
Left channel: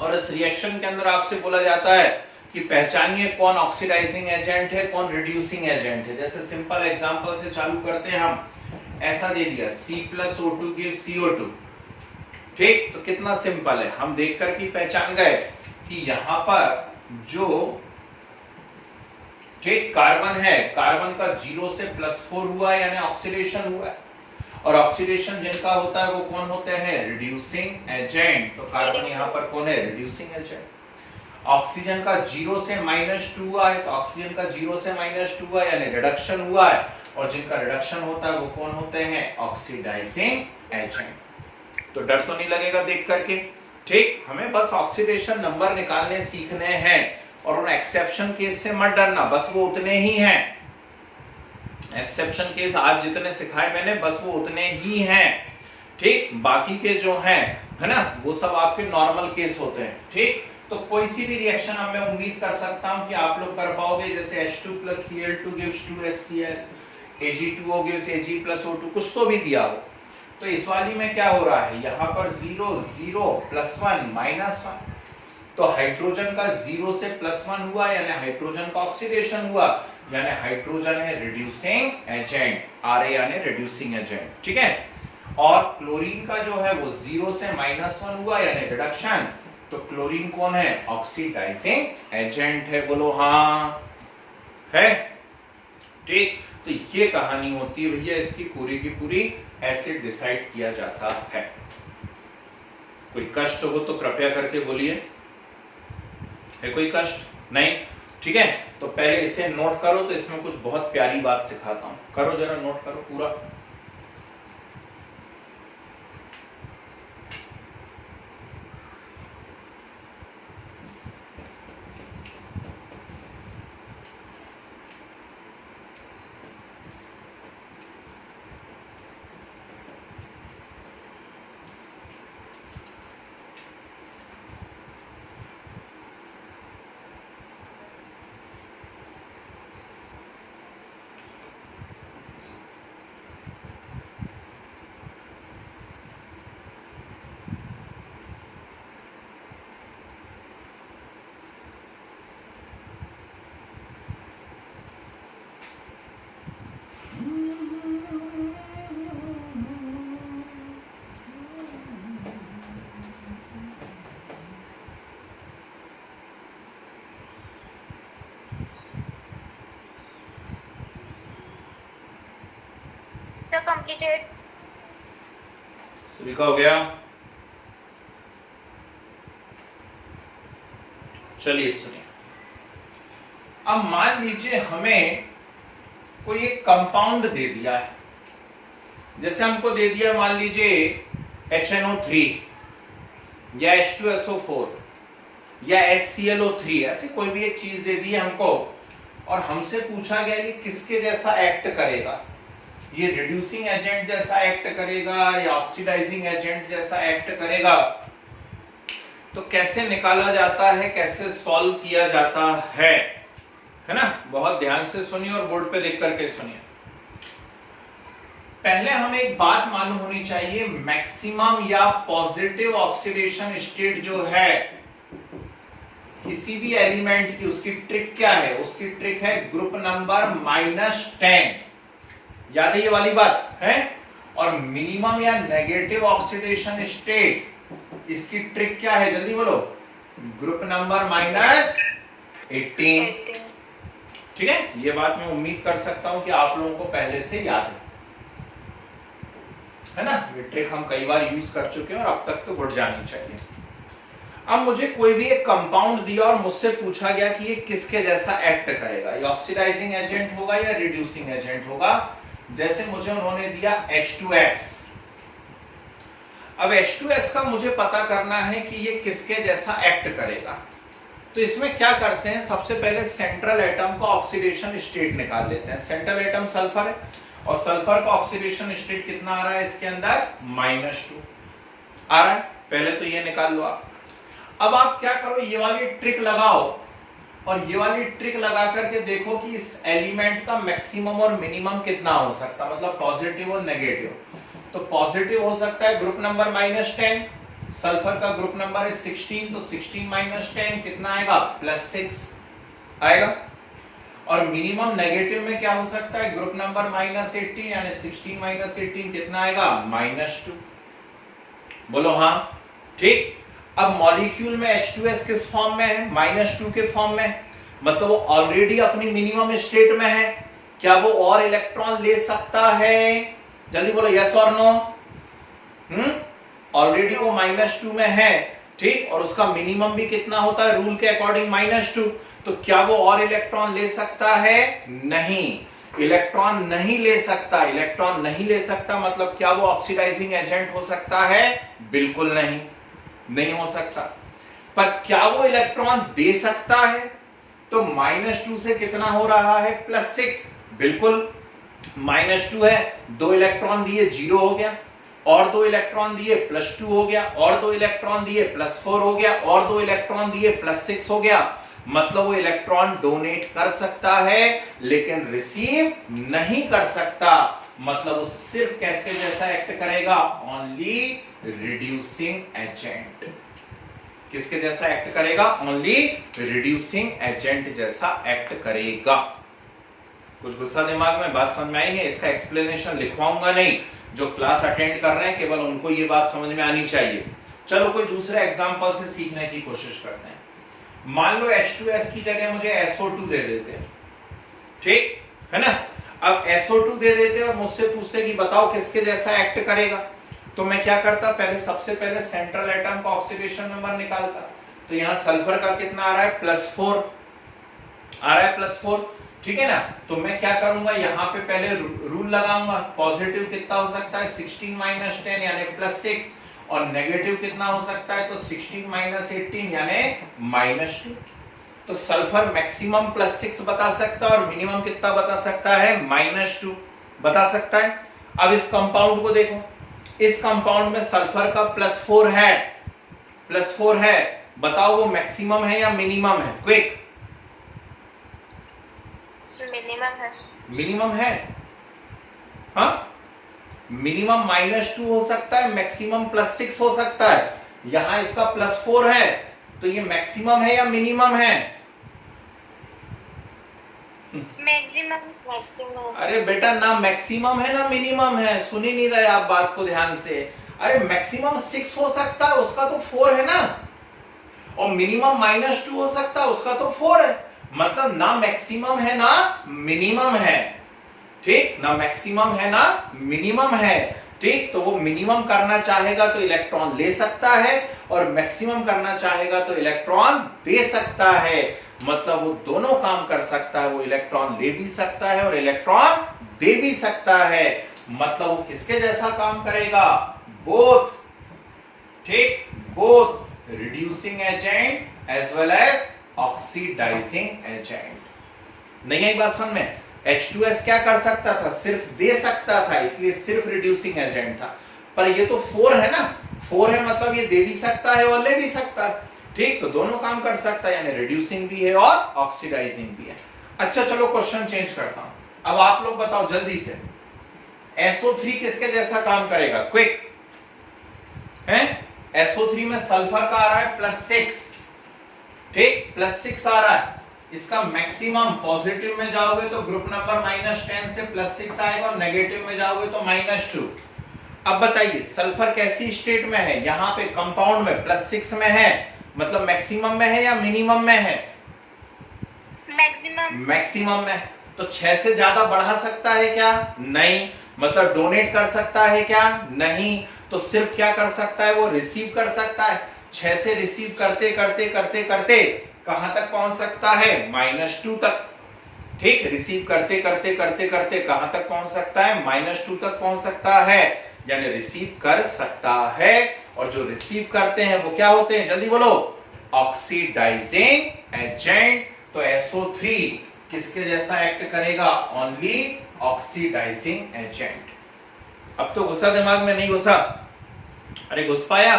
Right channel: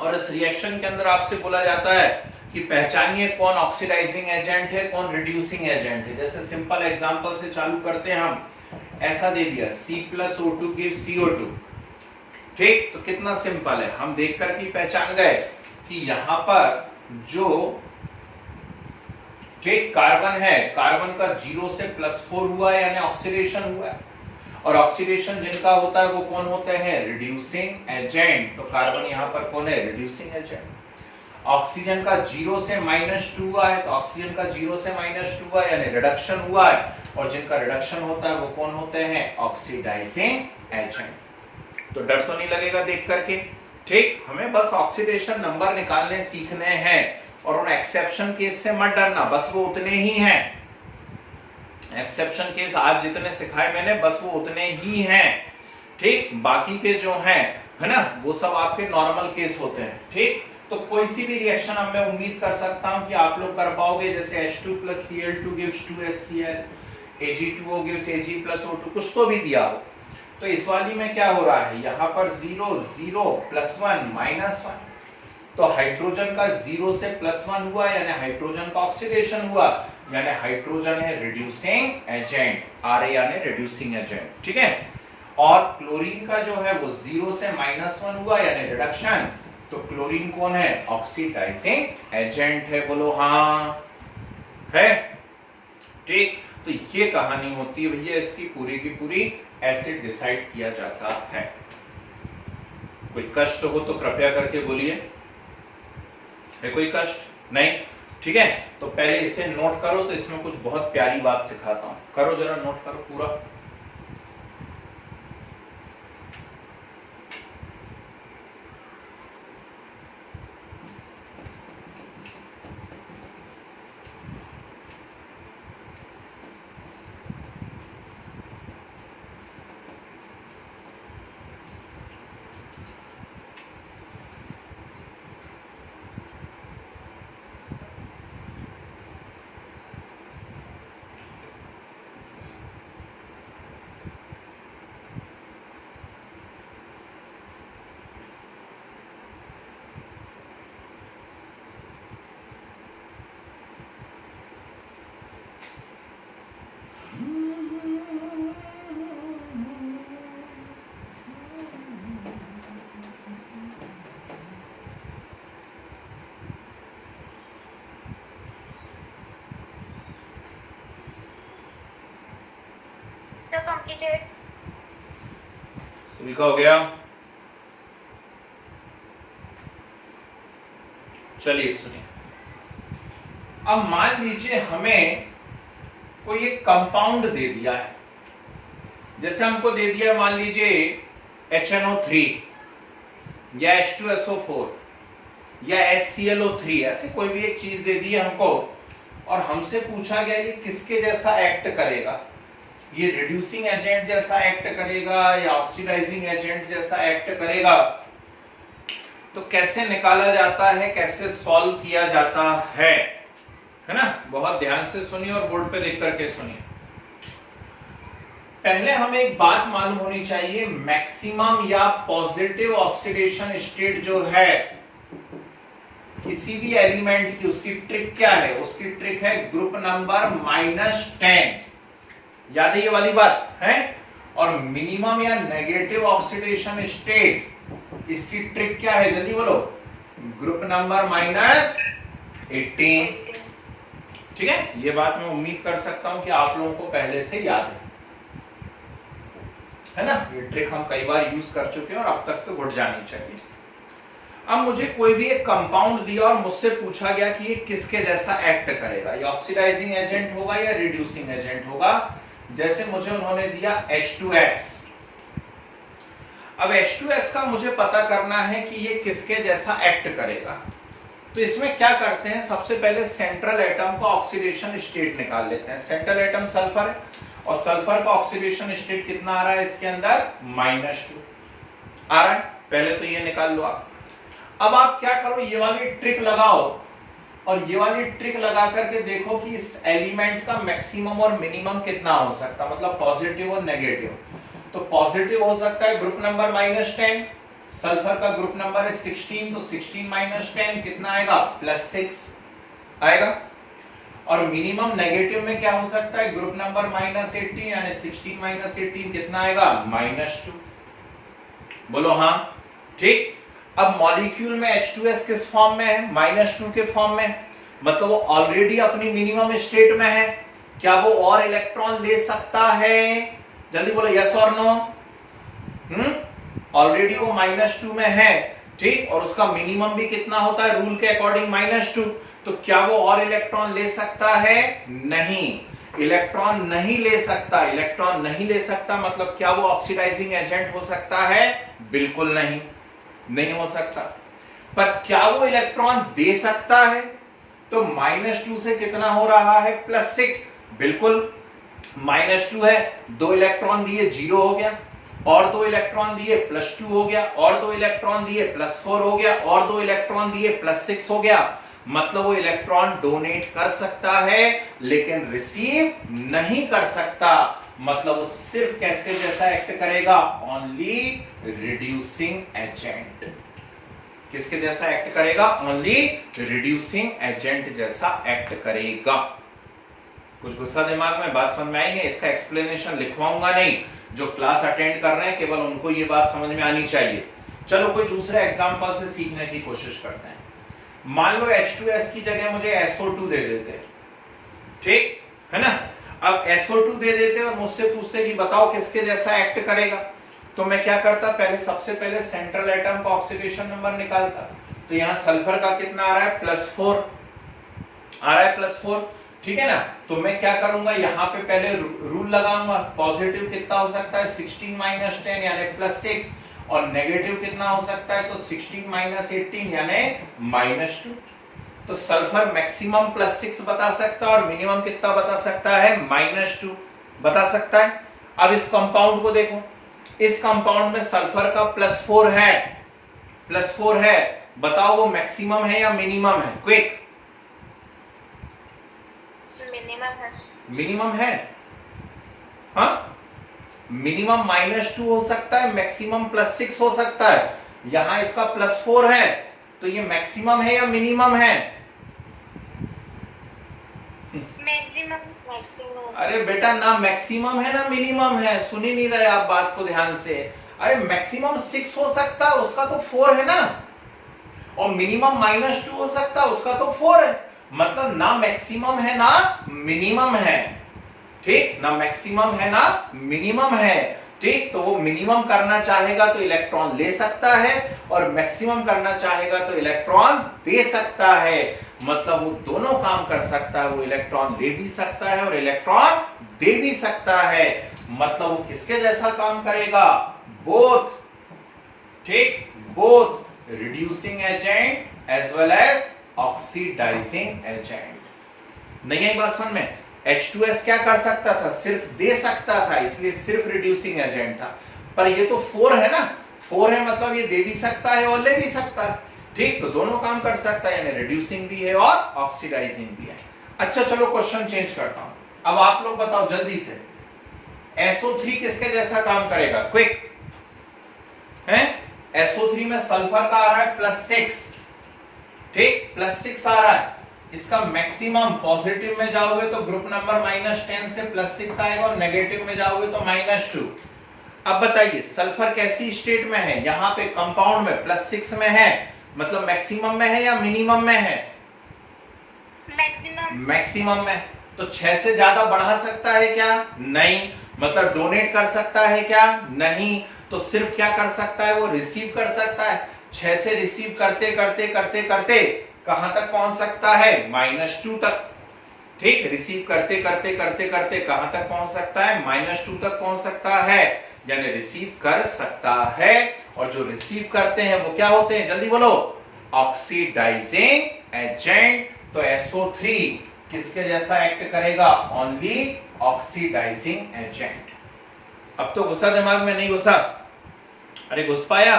और इस रिएक्शन के अंदर आपसे बोला जाता है कि पहचानिए कौन ऑक्सीडाइजिंग एजेंट है, कौन रिड्यूसिंग एजेंट है। जैसे सिंपल एग्जांपल से चालू करते हैं हम। ऐसा दे दिया, C+O2 gives CO2। ठीक, तो कितना सिंपल है, हम देख करके पहचान गए कि यहां पर जो ठीक कार्बन है, कार्बन का 0 से +4 हुआ है, यानी ऑक्सीडेशन हुआ है। और ऑक्सीडेशन जिनका होता है वो कौन होते हैं, रिड्यूसिंग एजेंट। तो कार्बन यहां पर कौन है, रिड्यूसिंग एजेंट। ऑक्सीजन का 0 से -2 हुआ है, तो ऑक्सीजन का 0 से -2 हुआ है, यानी रिडक्शन हुआ है, और जिनका रिडक्शन होता है वो कौन होते हैं, ऑक्सीडाइजिंग एजेंट। तो डर तो नहीं लगेगा देख करके। ठीक, हमें बस ऑक्सीडेशन नंबर निकालने सीखने हैं, और उन एक्सेप्शन केस से मत डरना, बस वो उतने ही हैं। एक्सेप्शन केस आज जितने सिखाए मैंने, बस वो उतने ही हैं। ठीक, बाकी के जो हैं, है ना, वो सब आपके नॉर्मल केस होते हैं। ठीक, तो कोई सी भी रिएक्शन अब मैं उम्मीद कर सकता हूं कि आप लोग कर पाओगे, जैसे H2 + Cl2 gives 2HCl, Ag2O gives Ag + O2, कुछ तो भी दिया हो। तो इस वाली में क्या हो रहा है, यहाँ पर 0 0 +1 -1, तो हाइड्रोजन का 0 से +1 हुआ, यानी हाइड्रोजन का ऑक्सीडेशन हुआ, यानी हाइड्रोजन है रिड्यूसिंग एजेंट, Ra यानी रिड्यूसिंग एजेंट। ठीक है, और क्लोरीन का जो है वो 0 से -1 हुआ, यानी रिडक्शन, तो क्लोरीन कौन है, ऑक्सीडाइजिंग एजेंट है। बोलो हाँ है। ठीक, तो ये कहानी होती है भैया, इसकी पूरी की पूरी ऐसे डिसाइड किया जाता है। कोई कष्ट हो तो कृपया करके बोलिए, है कोई कष्ट नहीं? ठीक है, तो पहले इसे नोट करो, तो इसमें कुछ बहुत प्यारी बात सिखाता हूं, करो जरा, नोट करो पूरा। Sir, completed. सभी का हो गया? चलिए सुनिए, अब मान लीजिए हमें कोई एक कंपाउंड दे दिया है, जैसे हमको दे दिया मान लीजिए HNO3 या H2SO4 या HClO3, ऐसी कोई भी एक चीज दे दी है हमको और हमसे पूछा गया ये किसके जैसा एक्ट करेगा, ये रिड्यूसिंग एजेंट जैसा एक्ट करेगा या ऑक्सीडाइजिंग एजेंट जैसा एक्ट करेगा। तो कैसे निकाला जाता है, कैसे सॉल्व किया जाता है ना? बहुत ध्यान से सुनिए और बोर्ड पे लिख करके सुनिए। पहले हमें एक बात मालूम होनी चाहिए, मैक्सिमम या पॉजिटिव ऑक्सीडेशन स्टेट जो है किसी भी एलिमेंट की, उसकी ट्रिक क्या है? उसकी ट्रिक है ग्रुप नंबर -10। याद है ये वाली बात है? और मिनिमम या नेगेटिव ऑक्सीडेशन स्टेट, इसकी ट्रिक क्या है? जल्दी बोलो। Group number -18। ठीक है, ये बात मैं उम्मीद कर सकता हूं कि आप लोगों को पहले से याद है ना? ये ट्रिक हम कई बार यूज कर चुके हैं और अब तक तो बढ़ जानी चाहिए। अब मुझे कोई भी एक कंपाउंड दिया और मुझसे पूछा गया कि ये किसके जैसा एक्ट करेगा, ये ऑक्सीडाइजिंग एजेंट होगा या रिड्यूसिंग एजेंट होगा। जैसे मुझे उन्होंने दिया H2S। अब H2S का मुझे पता करना है कि ये किसके जैसा एक्ट करेगा। तो इसमें क्या करते हैं, सबसे पहले सेंट्रल एटम का ऑक्सीडेशन स्टेट निकाल लेते हैं। सेंट्रल एटम सल्फर है और सल्फर का ऑक्सीडेशन स्टेट कितना आ रहा है इसके अंदर? -2 आ रहा है। पहले तो ये निकाल लो आप। अब आप क्या करो, ये वाली ट्रिक लगाओ और ये वाली ट्रिक लगा करके देखो कि इस एलिमेंट का मैक्सिमम और मिनिमम कितना हो सकता है, मतलब पॉजिटिव और नेगेटिव। तो पॉजिटिव हो सकता है ग्रुप नंबर -10, सल्फर का ग्रुप नंबर है 16, तो 16 - 10 कितना आएगा? +6 आएगा। और मिनिमम नेगेटिव में क्या हो सकता है? ग्रुप नंबर -18 यानी 16 - 18 कितना आएगा? -2। बोलो हाँ, ठीक। अब मॉलिक्यूल में H2S किस फॉर्म में है? -2 के फॉर्म में, मतलब वो ऑलरेडी अपनी मिनिमम स्टेट में है। क्या वो और इलेक्ट्रॉन ले सकता है? जल्दी बोलो, यस और नो। ऑलरेडी वो -2 में है, ठीक, और उसका मिनिमम भी कितना होता है रूल के अकॉर्डिंग? -2। तो क्या वो और इलेक्ट्रॉन ले सकता है? नहीं, इलेक्ट्रॉन नहीं ले सकता। इलेक्ट्रॉन नहीं ले सकता मतलब क्या वो ऑक्सीडाइजिंग एजेंट हो सकता है? बिल्कुल नहीं, नहीं हो सकता। पर क्या वो इलेक्ट्रॉन दे सकता है? तो -2 से कितना हो रहा है? +6। बिल्कुल, -2 है, 2 इलेक्ट्रॉन दिए 0 हो गया, और 2 इलेक्ट्रॉन दिए +2 हो गया, और 2 इलेक्ट्रॉन दिए +4 हो गया, और 2 इलेक्ट्रॉन दिए +6 हो गया। मतलब वो इलेक्ट्रॉन डोनेट कर सकता है लेकिन रिसीव नहीं कर सकता। मतलब वो सिर्फ कैसे जैसा एक्ट करेगा? Only reducing agent. किसके जैसा एक्ट करेगा? ओनली रिड्यूसिंग एजेंट जैसा एक्ट करेगा। कुछ गुस्सा दिमाग में, बात समझ में आएंगे? इसका एक्सप्लेनेशन लिखवाऊंगा नहीं, जो क्लास अटेंड कर रहे हैं केवल उनको ये बात समझ में आनी चाहिए। चलो कोई दूसरे एग्जांपल से सीखने की कोशिश करते हैं। मान लो H2S की जगह मुझे SO2 दे देते, ठीक है ना? अब SO2 दे देते और मुझसे पूछते कि बताओ किसके जैसा एक्ट करेगा। तो मैं क्या करता, पहले सबसे पहले सेंट्रल एटम का ऑक्सीडेशन नंबर निकालता। तो यहां सल्फर का कितना आ रहा है? +4 आ रहा है, +4, ठीक है ना? तो मैं क्या करूंगा, यहां पे पहले रूल लगाऊंगा। पॉजिटिव कितना हो सकता है? 16 - 10 यानी +6, और नेगेटिव कितना हो सकता है? तो 16 - 18 यानी -2। तो सल्फर मैक्सिमम +6 बता सकता है और मिनिमम कितना बता सकता है? -2 बता सकता है। अब इस कंपाउंड को देखो, इस कंपाउंड में सल्फर का +4 है, +4 है, बताओ वो मैक्सिमम है या मिनिमम है? क्विक, मिनिमम है। मिनिमम है। हाँ, मिनिमम -2 हो सकता है, मैक्सिमम +6 हो सकता है। यहां इसका +4 है, तो ये मैक्सिमम है या मिनिमम है? मैक्सिमम। अरे बेटा, ना मैक्सिमम है ना मिनिमम है, सुन ही नहीं रहे आप बात को ध्यान से। अरे मैक्सिमम 6 हो सकता है, उसका तो 4 है ना, और मिनिमम -2 हो सकता है, उसका तो 4 है। मतलब ना मैक्सिमम है ना मिनिमम है। ठीक, ना मैक्सिमम है ना मिनिमम है। ठीक, तो वो मिनिमम करना चाहेगा तो इलेक्ट्रॉन ले सकता है और मैक्सिमम करना चाहेगा तो इलेक्ट्रॉन दे सकता है। मतलब वो दोनों काम कर सकता है, वो इलेक्ट्रॉन ले भी सकता है और इलेक्ट्रॉन दे भी सकता है। मतलब वो किसके जैसा काम करेगा? बोथ। ठीक, both reducing agent as well as oxidising agent. नहीं आई बात समझ में? H2S क्या कर सकता था? सिर्फ दे सकता था, इसलिए सिर्फ रिड्यूसिंग एजेंट था। पर ये तो 4 है ना, 4 है मतलब ये दे भी सकता है और ले भी सकता है। ठीक, तो दोनों काम कर सकता है, यानी रिड्यूसिंग भी है और ऑक्सीडाइजिंग भी है। अच्छा चलो क्वेश्चन चेंज करता हूं। अब आप लोग बताओ जल्दी से, SO3 किसके जैसा काम करेगा? क्विक है। SO3 में सल्फर का आ रहा है +6। ठीक, +6 आ रहा है। इसका मैक्सिमम पॉजिटिव में जाओगे तो ग्रुप नंबर -10 से +6 आएगा और नेगेटिव में जाओगे तो -2। अब बताइए सल्फर कैसी स्टेट में है? यहां पे कंपाउंड में +6 में है, मतलब मैक्सिमम में है या मिनिमम में है? मैक्सिमम में। तो 6 से ज्यादा बढ़ा सकता है क्या? नहीं। मतलब डोनेट कर सकता है क्या? नहीं। तो सिर्फ क्या कर सकता है? वो रिसीव कर सकता है। 6 से रिसीव करते करते करते करते कहां तक पहुंच सकता है? -2 तक। ठीक, रिसीव करते करते करते करते कहां तक पहुंच सकता है? -2 तक पहुंच सकता है, यानी रिसीव कर सकता है। और जो रिसीव करते हैं वो क्या होते हैं? जल्दी बोलो। Oxidising agent. तो SO3 किसके जैसा एक्ट करेगा? Only oxidising agent. अब तो गुस्सा दिमाग में नहीं घुसा? अरे घुस पाया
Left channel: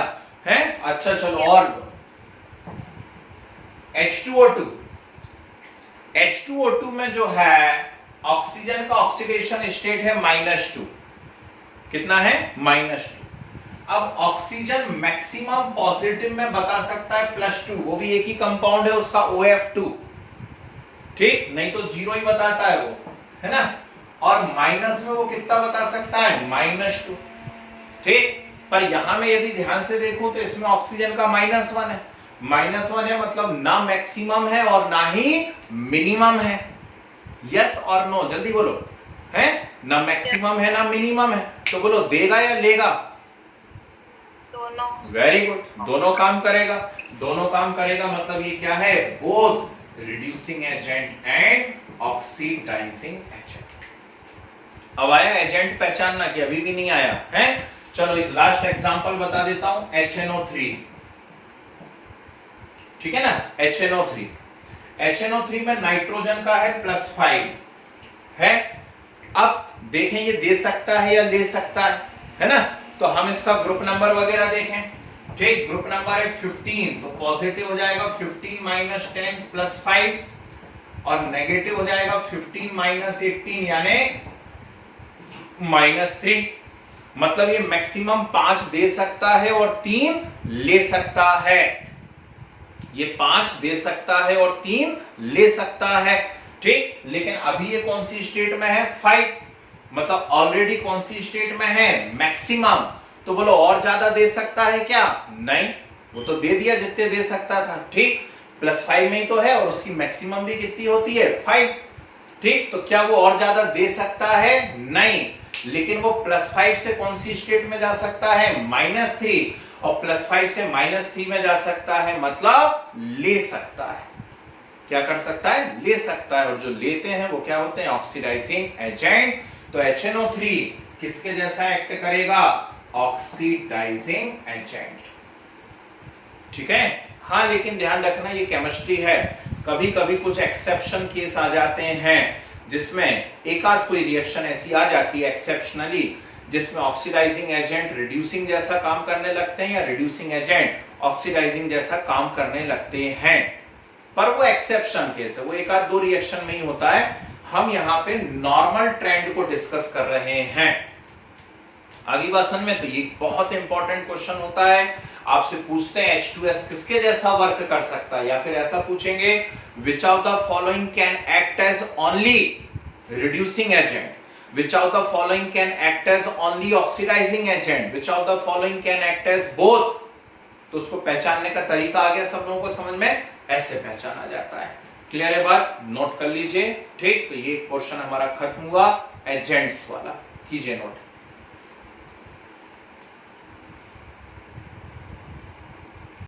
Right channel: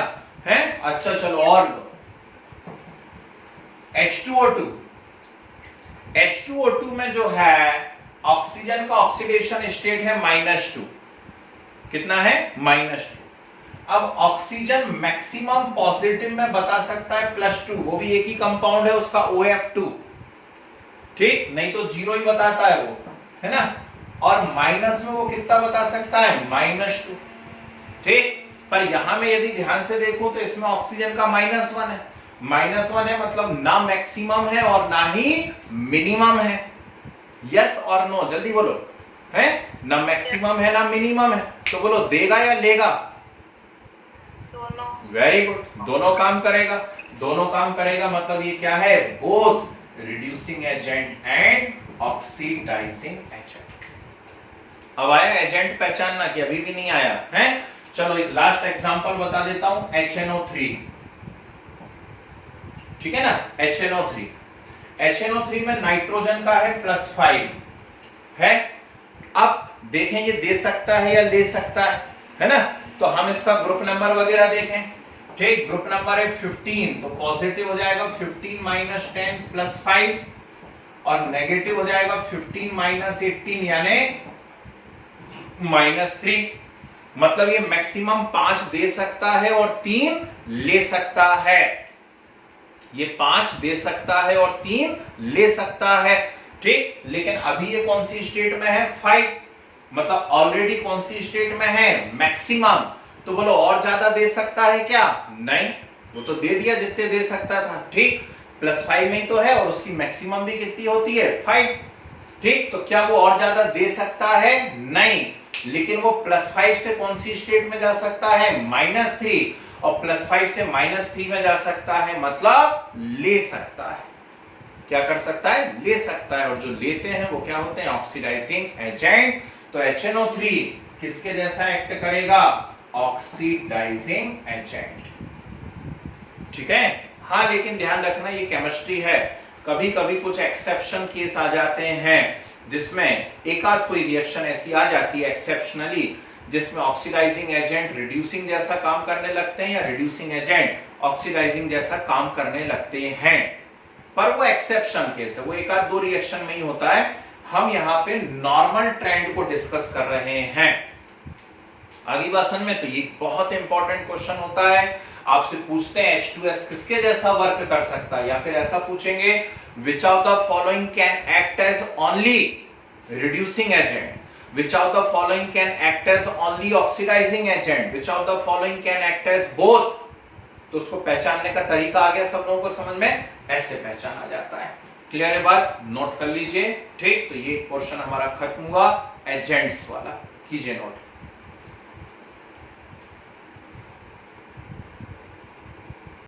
है? अच्छा चलो और लो। H2O2। H2O2 में जो है ऑक्सीजन का ऑक्सीडेशन स्टेट है -2। कितना है? -2। अब ऑक्सीजन मैक्सिमम पॉजिटिव में बता सकता है +2, वो भी एक ही कंपाउंड है उसका OF2। ठीक, नहीं तो 0 ही बताता है वो, है ना। और माइनस में वो कितना बता सकता है? -2। ठीक, पर यहां में यदि ध्यान से देखो तो इसमें ऑक्सीजन का -1 है। -1 है मतलब ना मैक्सिमम है और ना ही मिनिमम है। यस और नो, जल्दी बोलो। है ना मैक्सिमम है ना मिनिमम है, तो बोलो देगा या लेगा? दोनों। वेरी गुड, दोनों काम करेगा। दोनों काम करेगा मतलब ये क्या है? Both reducing agent and oxidising agent. अब आया एजेंट पहचानना कि अभी भी नहीं आया है? चलो एक लास्ट एग्जांपल बता देता हूं, HNO3। ठीक है ना, HNO3। HNO3 में नाइट्रोजन का है +5 है। अब देखें ये दे सकता है या ले सकता है ना। तो हम इसका ग्रुप नंबर वगैरह देखें। ठीक, ग्रुप नंबर है 15, तो पॉजिटिव हो जाएगा 15 - 10 +5 और नेगेटिव हो जाएगा 15 - 18 यानी -3। मतलब ये मैक्सिमम 5 दे सकता है और 3 ले सकता है। ये 5 दे सकता है और 3 ले सकता है। ठीक, लेकिन अभी ये कौन सी स्टेट में है? 5। मतलब ऑलरेडी कौन सी स्टेट में है? मैक्सिमम। तो बोलो और ज्यादा दे सकता है क्या? नहीं, वो तो दे दिया जितने दे सकता था। ठीक, +5 में ही तो है और उसकी मैक्सिमम भी कितनी होती है? 5। ठीक, तो क्या वो और ज्यादा दे सकता है? नहीं, लेकिन वो +5 से कौन सी स्टेट में जा सकता है? -3। और +5 से -3 में जा सकता है मतलब ले सकता है। क्या कर सकता है? ले सकता है। और जो लेते हैं वो क्या होते हैं? Oxidising agent. तो HNO3 किसके जैसा एक्ट करेगा? Oxidising agent. ठीक है। हाँ, लेकिन ध्यान रखना ये केमिस्ट्री है, कभी कभी कुछ एक्सेप्शन केस आ जाते हैं जिसमें एक आध कोई रिएक्शन ऐसी आ जाती है एक्सेप्शनली जिसमें ऑक्सीडाइजिंग एजेंट रिड्यूसिंग जैसा काम करने लगते हैं या रिड्यूसिंग एजेंट ऑक्सीडाइजिंग जैसा काम करने लगते हैं। पर वो एक्सेप्शन केस है, वो एक आध दो रिएक्शन में ही होता है। हम यहाँ पे नॉर्मल ट्रेंड को डिस्कस कर रहे हैं। आगे बात समझ में? तो ये बहुत इंपॉर्टेंट क्वेश्चन होता है। आपसे पूछते हैं H2S किसके जैसा वर्क कर सकता है, या फिर ऐसा पूछेंगे which of the following can act as only reducing agent, which of the following can act as only oxidizing agent, which of the following can act as both। तो उसको पहचानने का तरीका आ गया सब लोगों को समझ में, ऐसे पहचाना जाता है। क्लियर है बात? नोट कर लीजिए। ठीक, तो ये क्वेश्चन हमारा खत्म हुआ। एजेंट्स वाला कीजिए नोट।